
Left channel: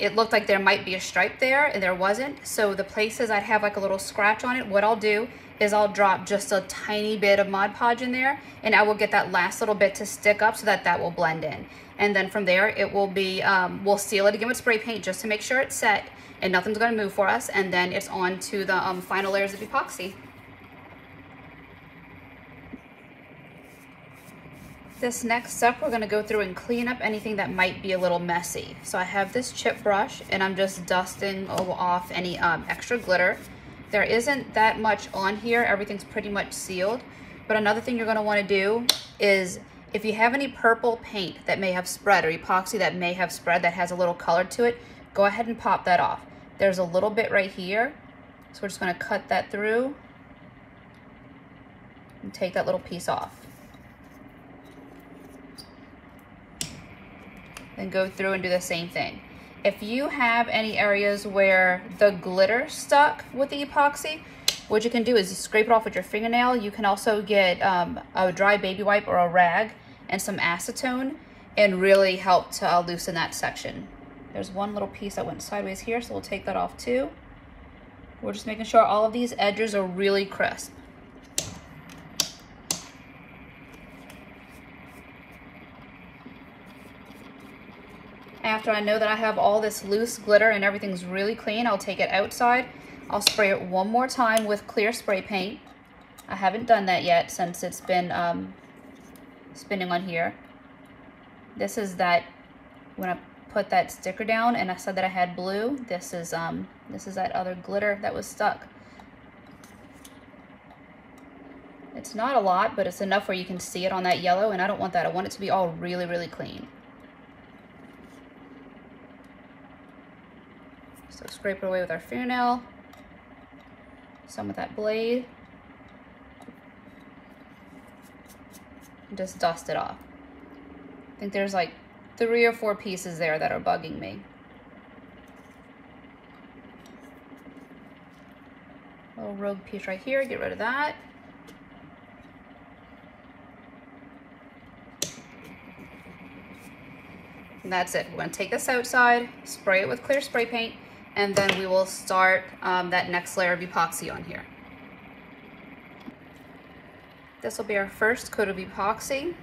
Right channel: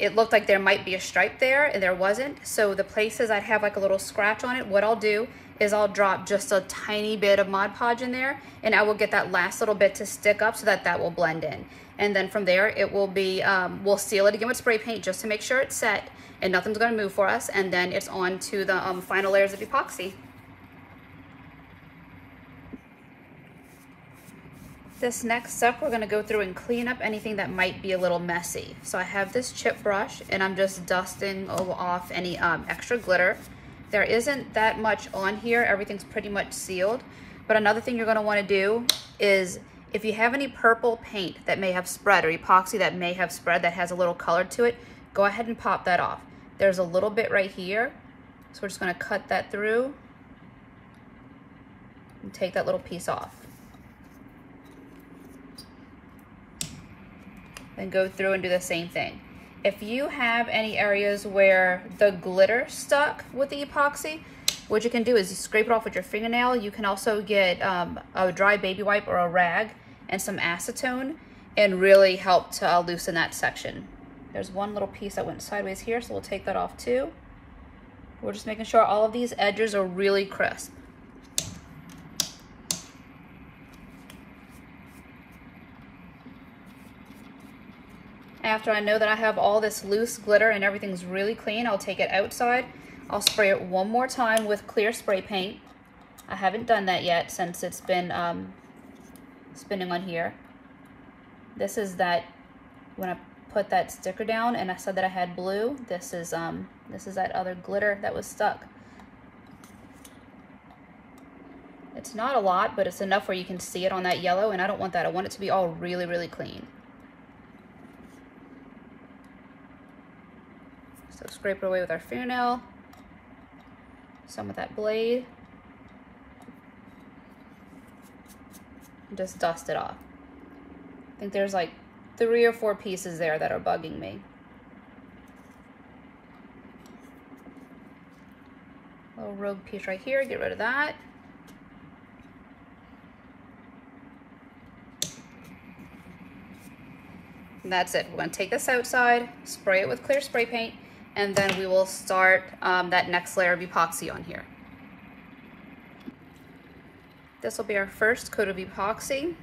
it looked like there might be a stripe there and there wasn't. So the places I'd have like a little scratch on it, what I'll do is I'll drop just a tiny bit of Mod Podge in there, and I will get that last little bit to stick up so that that will blend in. And then from there, it will be, we'll seal it again with spray paint just to make sure it's set and nothing's gonna move for us. And then it's on to the final layers of epoxy. This next step, we're gonna go through and clean up anything that might be a little messy. So I have this chip brush and I'm just dusting off any extra glitter. There isn't that much on here, everything's pretty much sealed. But another thing you're gonna wanna do is, if you have any purple paint that may have spread or epoxy that may have spread that has a little color to it, go ahead and pop that off. There's a little bit right here, so we're just gonna cut that through and take that little piece off. Then go through and do the same thing. If you have any areas where the glitter stuck with the epoxy, what you can do is scrape it off with your fingernail. You can also get a dry baby wipe or a rag and some acetone and really help to loosen that section. There's one little piece that went sideways here, so we'll take that off too. We're just making sure all of these edges are really crisp. After I know that I have all this loose glitter and everything's really clean, I'll take it outside. I'll spray it one more time with clear spray paint. I haven't done that yet since it's been spinning on here. This is that, when I put that sticker down and I said that I had blue, this is that other glitter that was stuck. It's not a lot, but it's enough where you can see it on that yellow, and I don't want that. I want it to be all really, really clean. So scrape it away with our fingernail, some with that blade, and just dust it off. I think there's like 3 or 4 pieces there that are bugging me. Little rogue piece right here, get rid of that. And that's it. We're gonna take this outside, spray it with clear spray paint, and then we will start that next layer of epoxy on here. This will be our first coat of epoxy.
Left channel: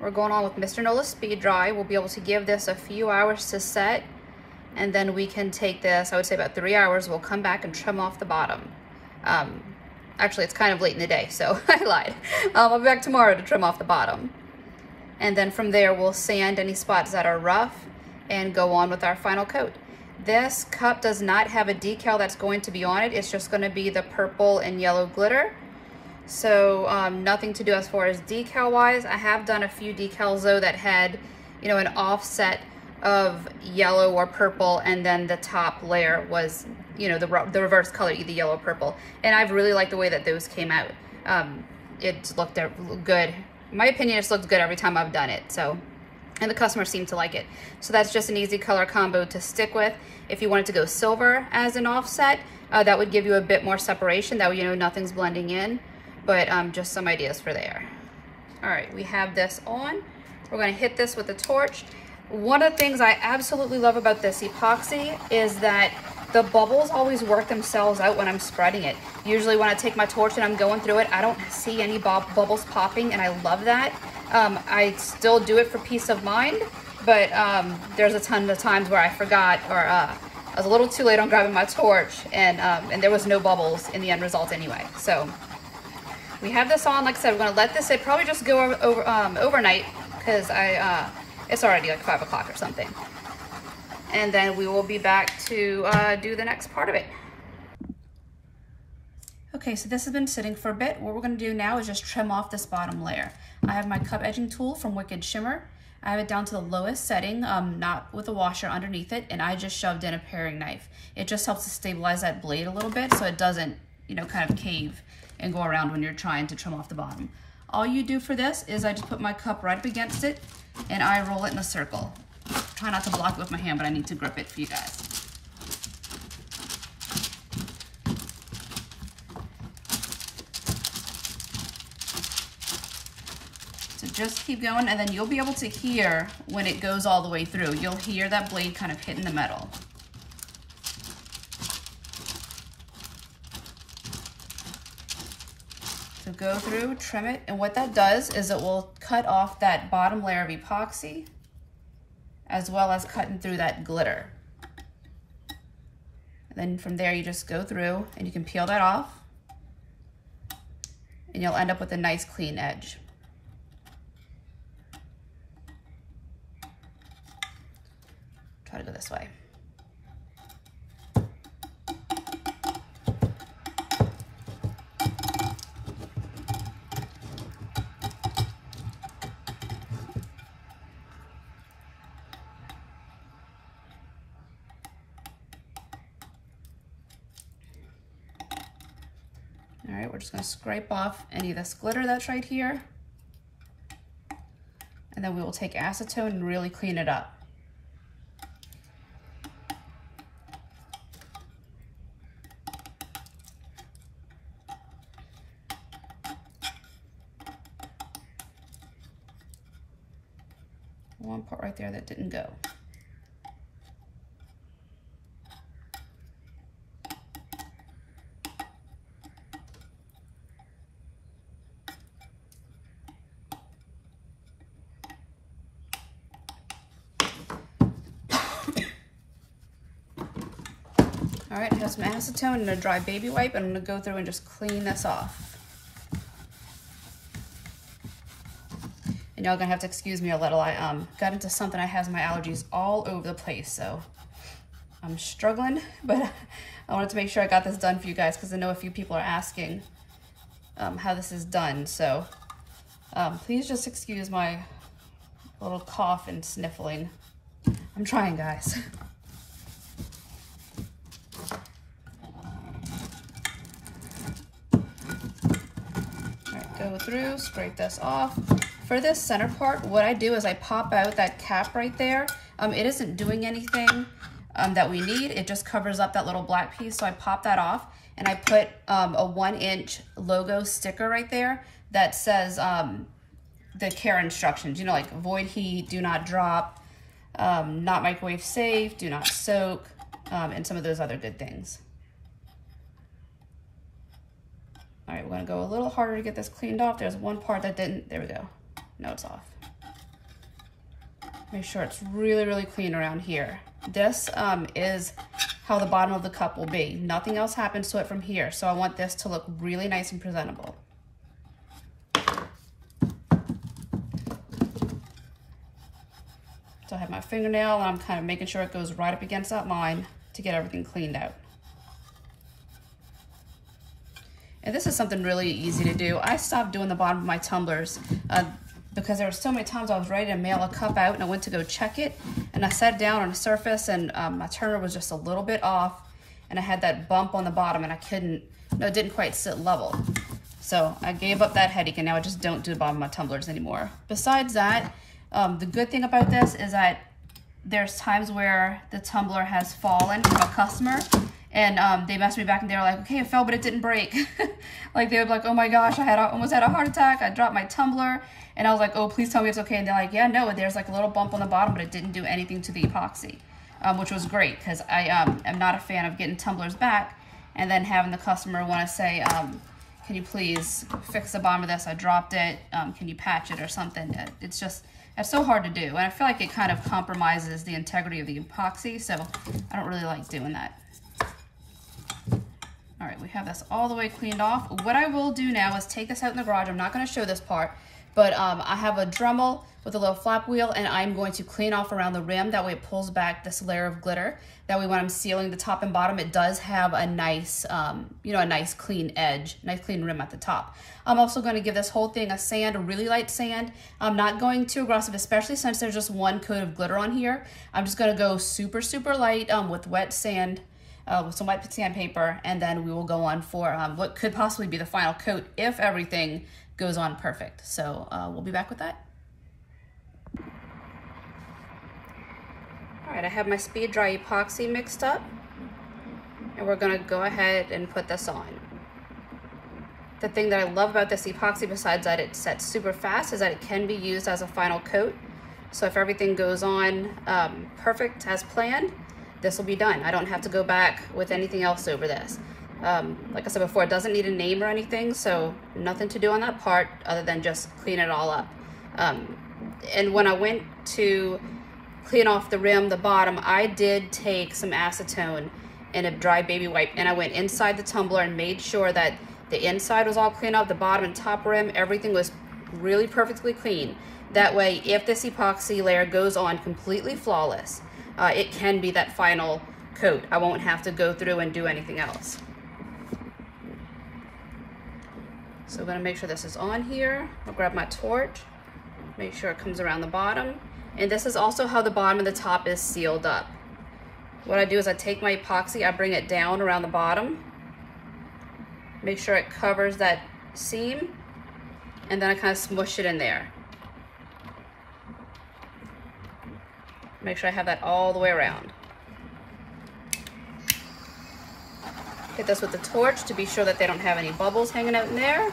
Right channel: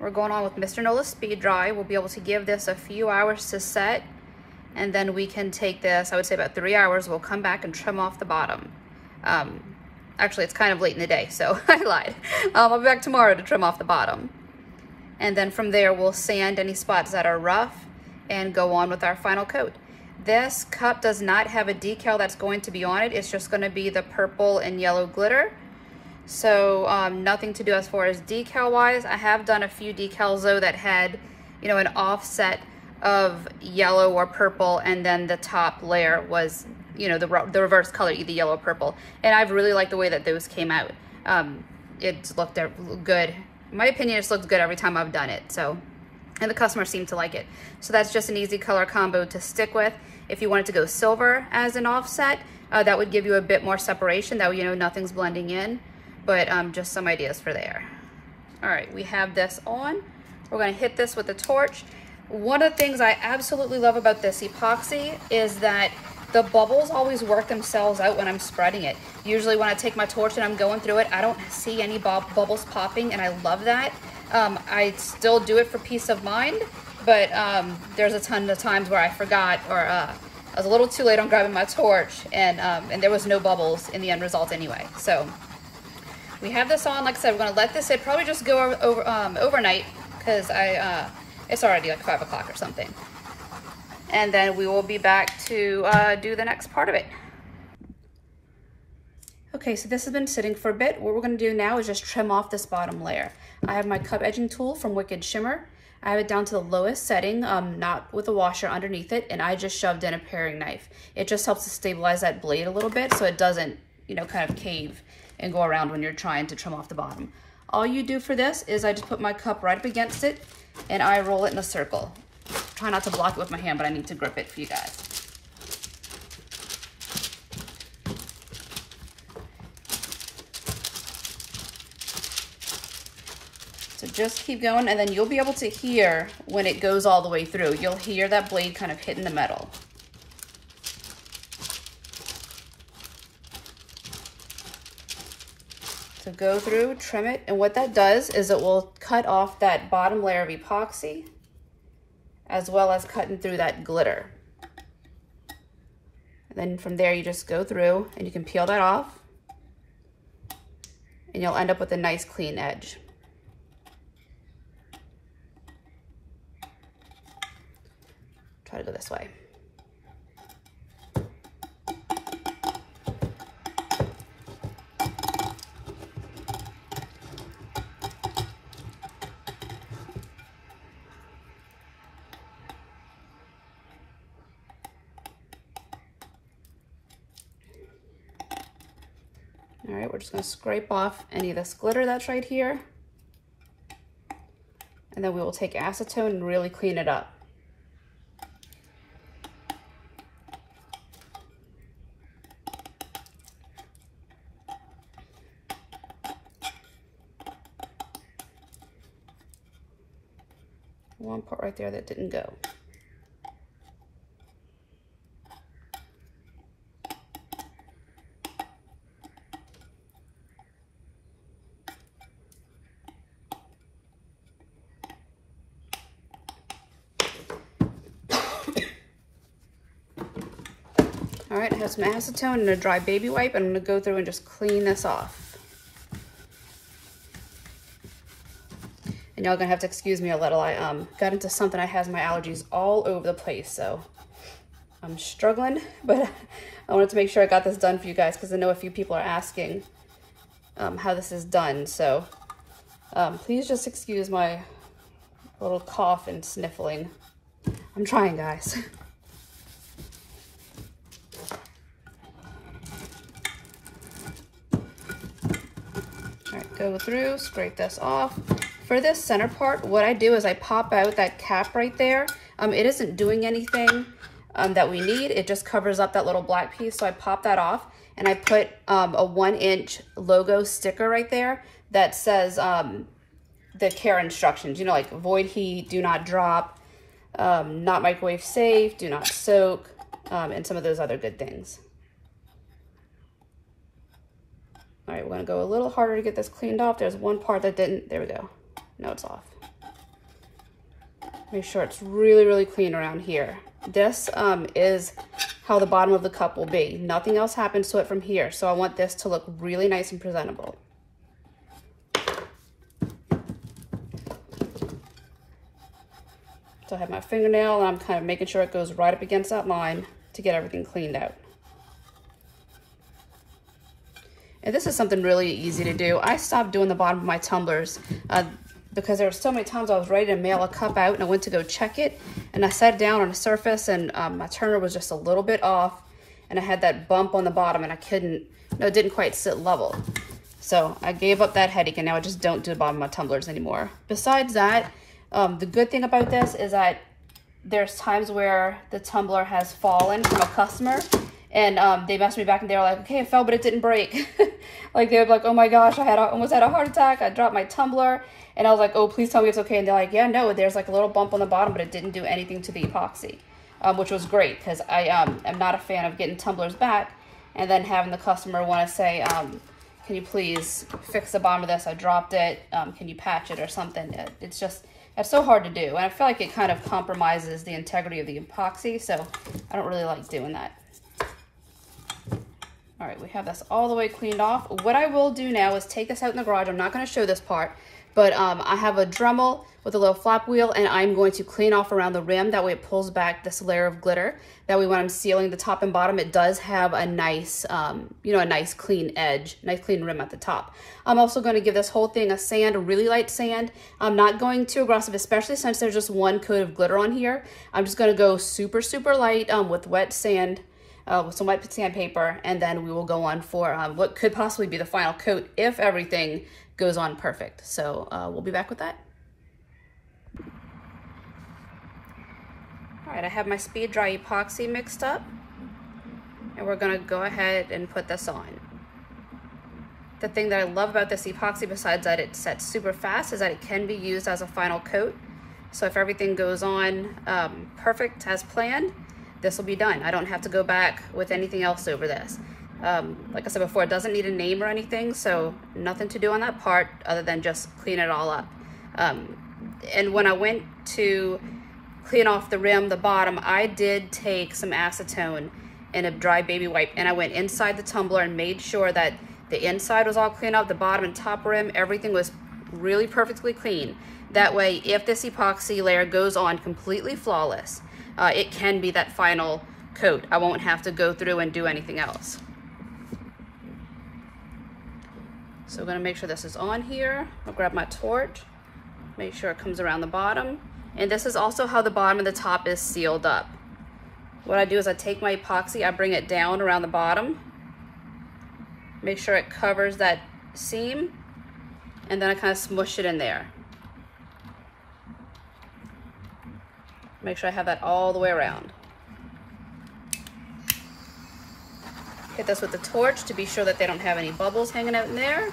We're going on with Mr. Nola's Speed Dry. We'll be able to give this a few hours to set, and then we can take this, I would say about 3 hours, we'll come back and trim off the bottom. Actually, it's kind of late in the day, so I lied. I'll be back tomorrow to trim off the bottom. And then from there, we'll sand any spots that are rough and go on with our final coat. This cup does not have a decal that's going to be on it. It's just gonna be the purple and yellow glitter. So nothing to do as far as decal wise. I have done a few decals though that had, you know, an offset of yellow or purple, and then the top layer was, you know, the reverse color, either yellow or purple. And I've really liked the way that those came out. It looked good. In my opinion, it's looked good every time I've done it. So, and the customers seem to like it. So that's just an easy color combo to stick with. If you wanted to go silver as an offset, that would give you a bit more separation. That way, you know, nothing's blending in. But just some ideas for there. All right, we have this on. We're gonna hit this with a torch. One of the things I absolutely love about this epoxy is that the bubbles always work themselves out when I'm spreading it. Usually when I take my torch and I'm going through it, I don't see any bubbles popping, and I love that. I still do it for peace of mind, but there's a ton of times where I forgot, or I was a little too late on grabbing my torch, and there was no bubbles in the end result anyway. So we have this on. Like I said, we're gonna let this sit, probably just go overnight, because it's already like 5 o'clock or something. And then we will be back to do the next part of it. Okay, so this has been sitting for a bit. What we're gonna do now is just trim off this bottom layer. I have my cup edging tool from Wicked Shimmer. I have it down to the lowest setting, not with a washer underneath it, and I just shoved in a paring knife. It just helps to stabilize that blade a little bit so it doesn't, you know, kind of cave and go around when you're trying to trim off the bottom. All you do for this is I just put my cup right up against it and I roll it in a circle. Try not to block it with my hand, but I need to grip it for you guys. just keep going, and then you'll be able to hear when it goes all the way through. You'll hear that blade kind of hitting the metal. So go through, trim it, and what that does is it will cut off that bottom layer of epoxy, as well as cutting through that glitter. And then from there, you just go through and you can peel that off, and you'll end up with a nice clean edge. Try to go this way. All right, we're just gonna scrape off any of this glitter that's right here. And then we will take acetone and really clean it up. One part right there that didn't go. All right, I have some acetone and a dry baby wipe, and I'm gonna go through and just clean this off. And y'all gonna have to excuse me a little. I got into something that has my allergies all over the place, so I'm struggling, but I wanted to make sure I got this done for you guys because I know a few people are asking how this is done. So please just excuse my little cough and sniffling. I'm trying, guys. Go through, scrape this off. For this center part, what I do is I pop out that cap right there. It isn't doing anything that we need. It just covers up that little black piece. So I pop that off and I put a 1-inch logo sticker right there that says the care instructions, you know, like avoid heat, do not drop, not microwave safe, do not soak, and some of those other good things. All right, we're gonna go a little harder to get this cleaned off. There's one part that didn't, there we go. Now it's off. Make sure it's really, really clean around here. This is how the bottom of the cup will be. Nothing else happens to it from here. So I want this to look really nice and presentable. So I have my fingernail and I'm kind of making sure it goes right up against that line to get everything cleaned out. And this is something really easy to do. I stopped doing the bottom of my tumblers because there were so many times I was ready to mail a cup out and I went to go check it and I sat down on a surface and my turner was just a little bit off and I had that bump on the bottom and I couldn't, it didn't quite sit level. So I gave up that headache and now I just don't do the bottom of my tumblers anymore. Besides that, the good thing about this is that there's times where the tumbler has fallen from a customer and they messaged me back and they were like, okay, it fell, but it didn't break. Like they were like, oh my gosh, I almost had a heart attack. I dropped my tumbler. And I was like, oh, please tell me it's okay. And they're like, yeah, no, there's like a little bump on the bottom, but it didn't do anything to the epoxy, which was great because I am not a fan of getting tumblers back and then having the customer want to say, can you please fix the bottom of this? I dropped it. Can you patch it or something? It's so hard to do. And I feel like it kind of compromises the integrity of the epoxy. So I don't really like doing that. All right, we have this all the way cleaned off. What I will do now is take this out in the garage. I'm not gonna show this part, but I have a Dremel with a little flap wheel and I'm going to clean off around the rim. That way it pulls back this layer of glitter. That way when I'm sealing the top and bottom, it does have a nice, you know, a nice clean edge, nice clean rim at the top. I'm also going to give this whole thing a sand, a really light sand. I'm not going too aggressive, especially since there's just one coat of glitter on here. I'm just gonna go super, super light with wet sand. With some white sandpaper, and then we will go on for what could possibly be the final coat if everything goes on perfect. So we'll be back with that. All right, I have my speed dry epoxy mixed up, and we're gonna go ahead and put this on. The thing that I love about this epoxy, besides that it sets super fast, is that it can be used as a final coat. So if everything goes on perfect as planned, this will be done. I don't have to go back with anything else over this. Like I said before, it doesn't need a name or anything, so nothing to do on that part other than just clean it all up. And when I went to clean off the rim, the bottom, I did take some acetone and a dry baby wipe, and I went inside the tumbler and made sure that the inside was all clean up, the bottom and top rim, everything was really perfectly clean. That way, if this epoxy layer goes on completely flawless, it can be that final coat. I won't have to go through and do anything else. So I'm gonna make sure this is on here. I'll grab my torch, make sure it comes around the bottom. And this is also how the bottom and the top is sealed up. What I do is I take my epoxy, I bring it down around the bottom, make sure it covers that seam, and then I kind of smush it in there. Make sure I have that all the way around. Hit this with the torch to be sure that they don't have any bubbles hanging out in there,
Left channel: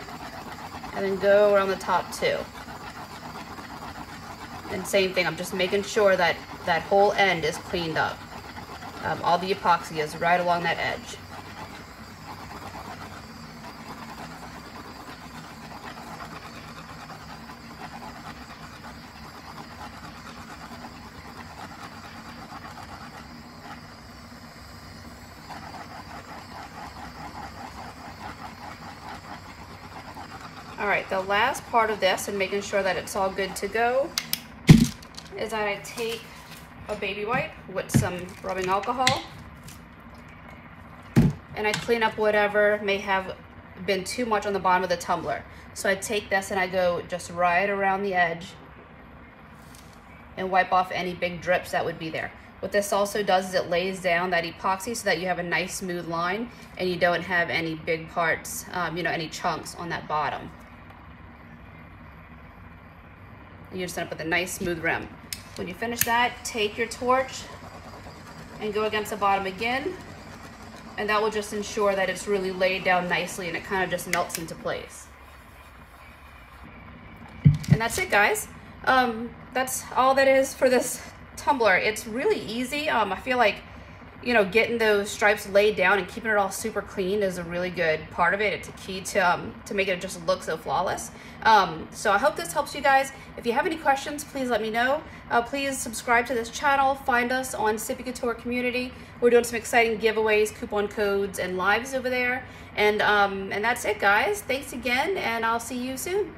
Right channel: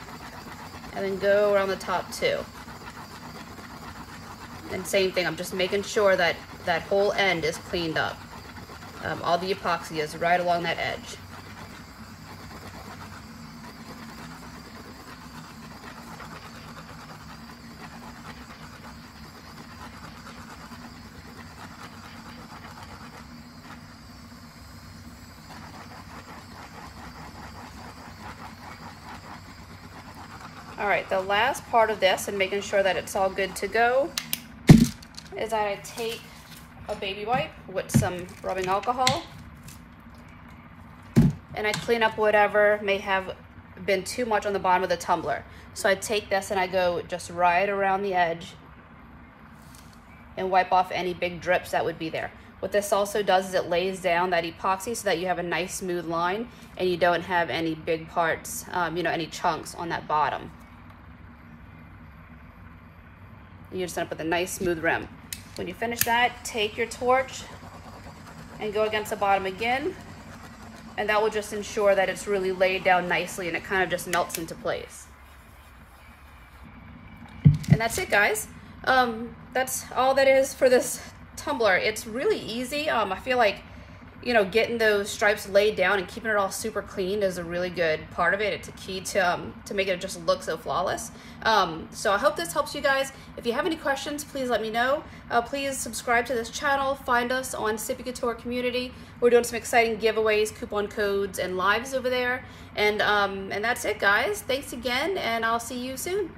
and then go around the top too. And same thing, I'm just making sure that that whole end is cleaned up. All the epoxy is right along that edge. All right, the last part of this and making sure that it's all good to go is that I take a baby wipe with some rubbing alcohol and I clean up whatever may have been too much on the bottom of the tumbler. So I take this and I go just right around the edge and wipe off any big drips that would be there. What this also does is it lays down that epoxy so that you have a nice smooth line and you don't have any big parts, any chunks on that bottom. You just end up with a nice smooth rim. When you finish that, take your torch and go against the bottom again, and that will just ensure that it's really laid down nicely and it kind of just melts into place. And that's it, guys. That's all that is for this tumbler. It's really easy. I feel like, getting those stripes laid down and keeping it all super clean is a really good part of it. It's a key to make it just look so flawless. So I hope this helps you guys. If you have any questions, please let me know. Please subscribe to this channel. Find us on Sippie Couture community. We're doing some exciting giveaways, coupon codes, and lives over there. And that's it, guys. Thanks again, and I'll see you soon.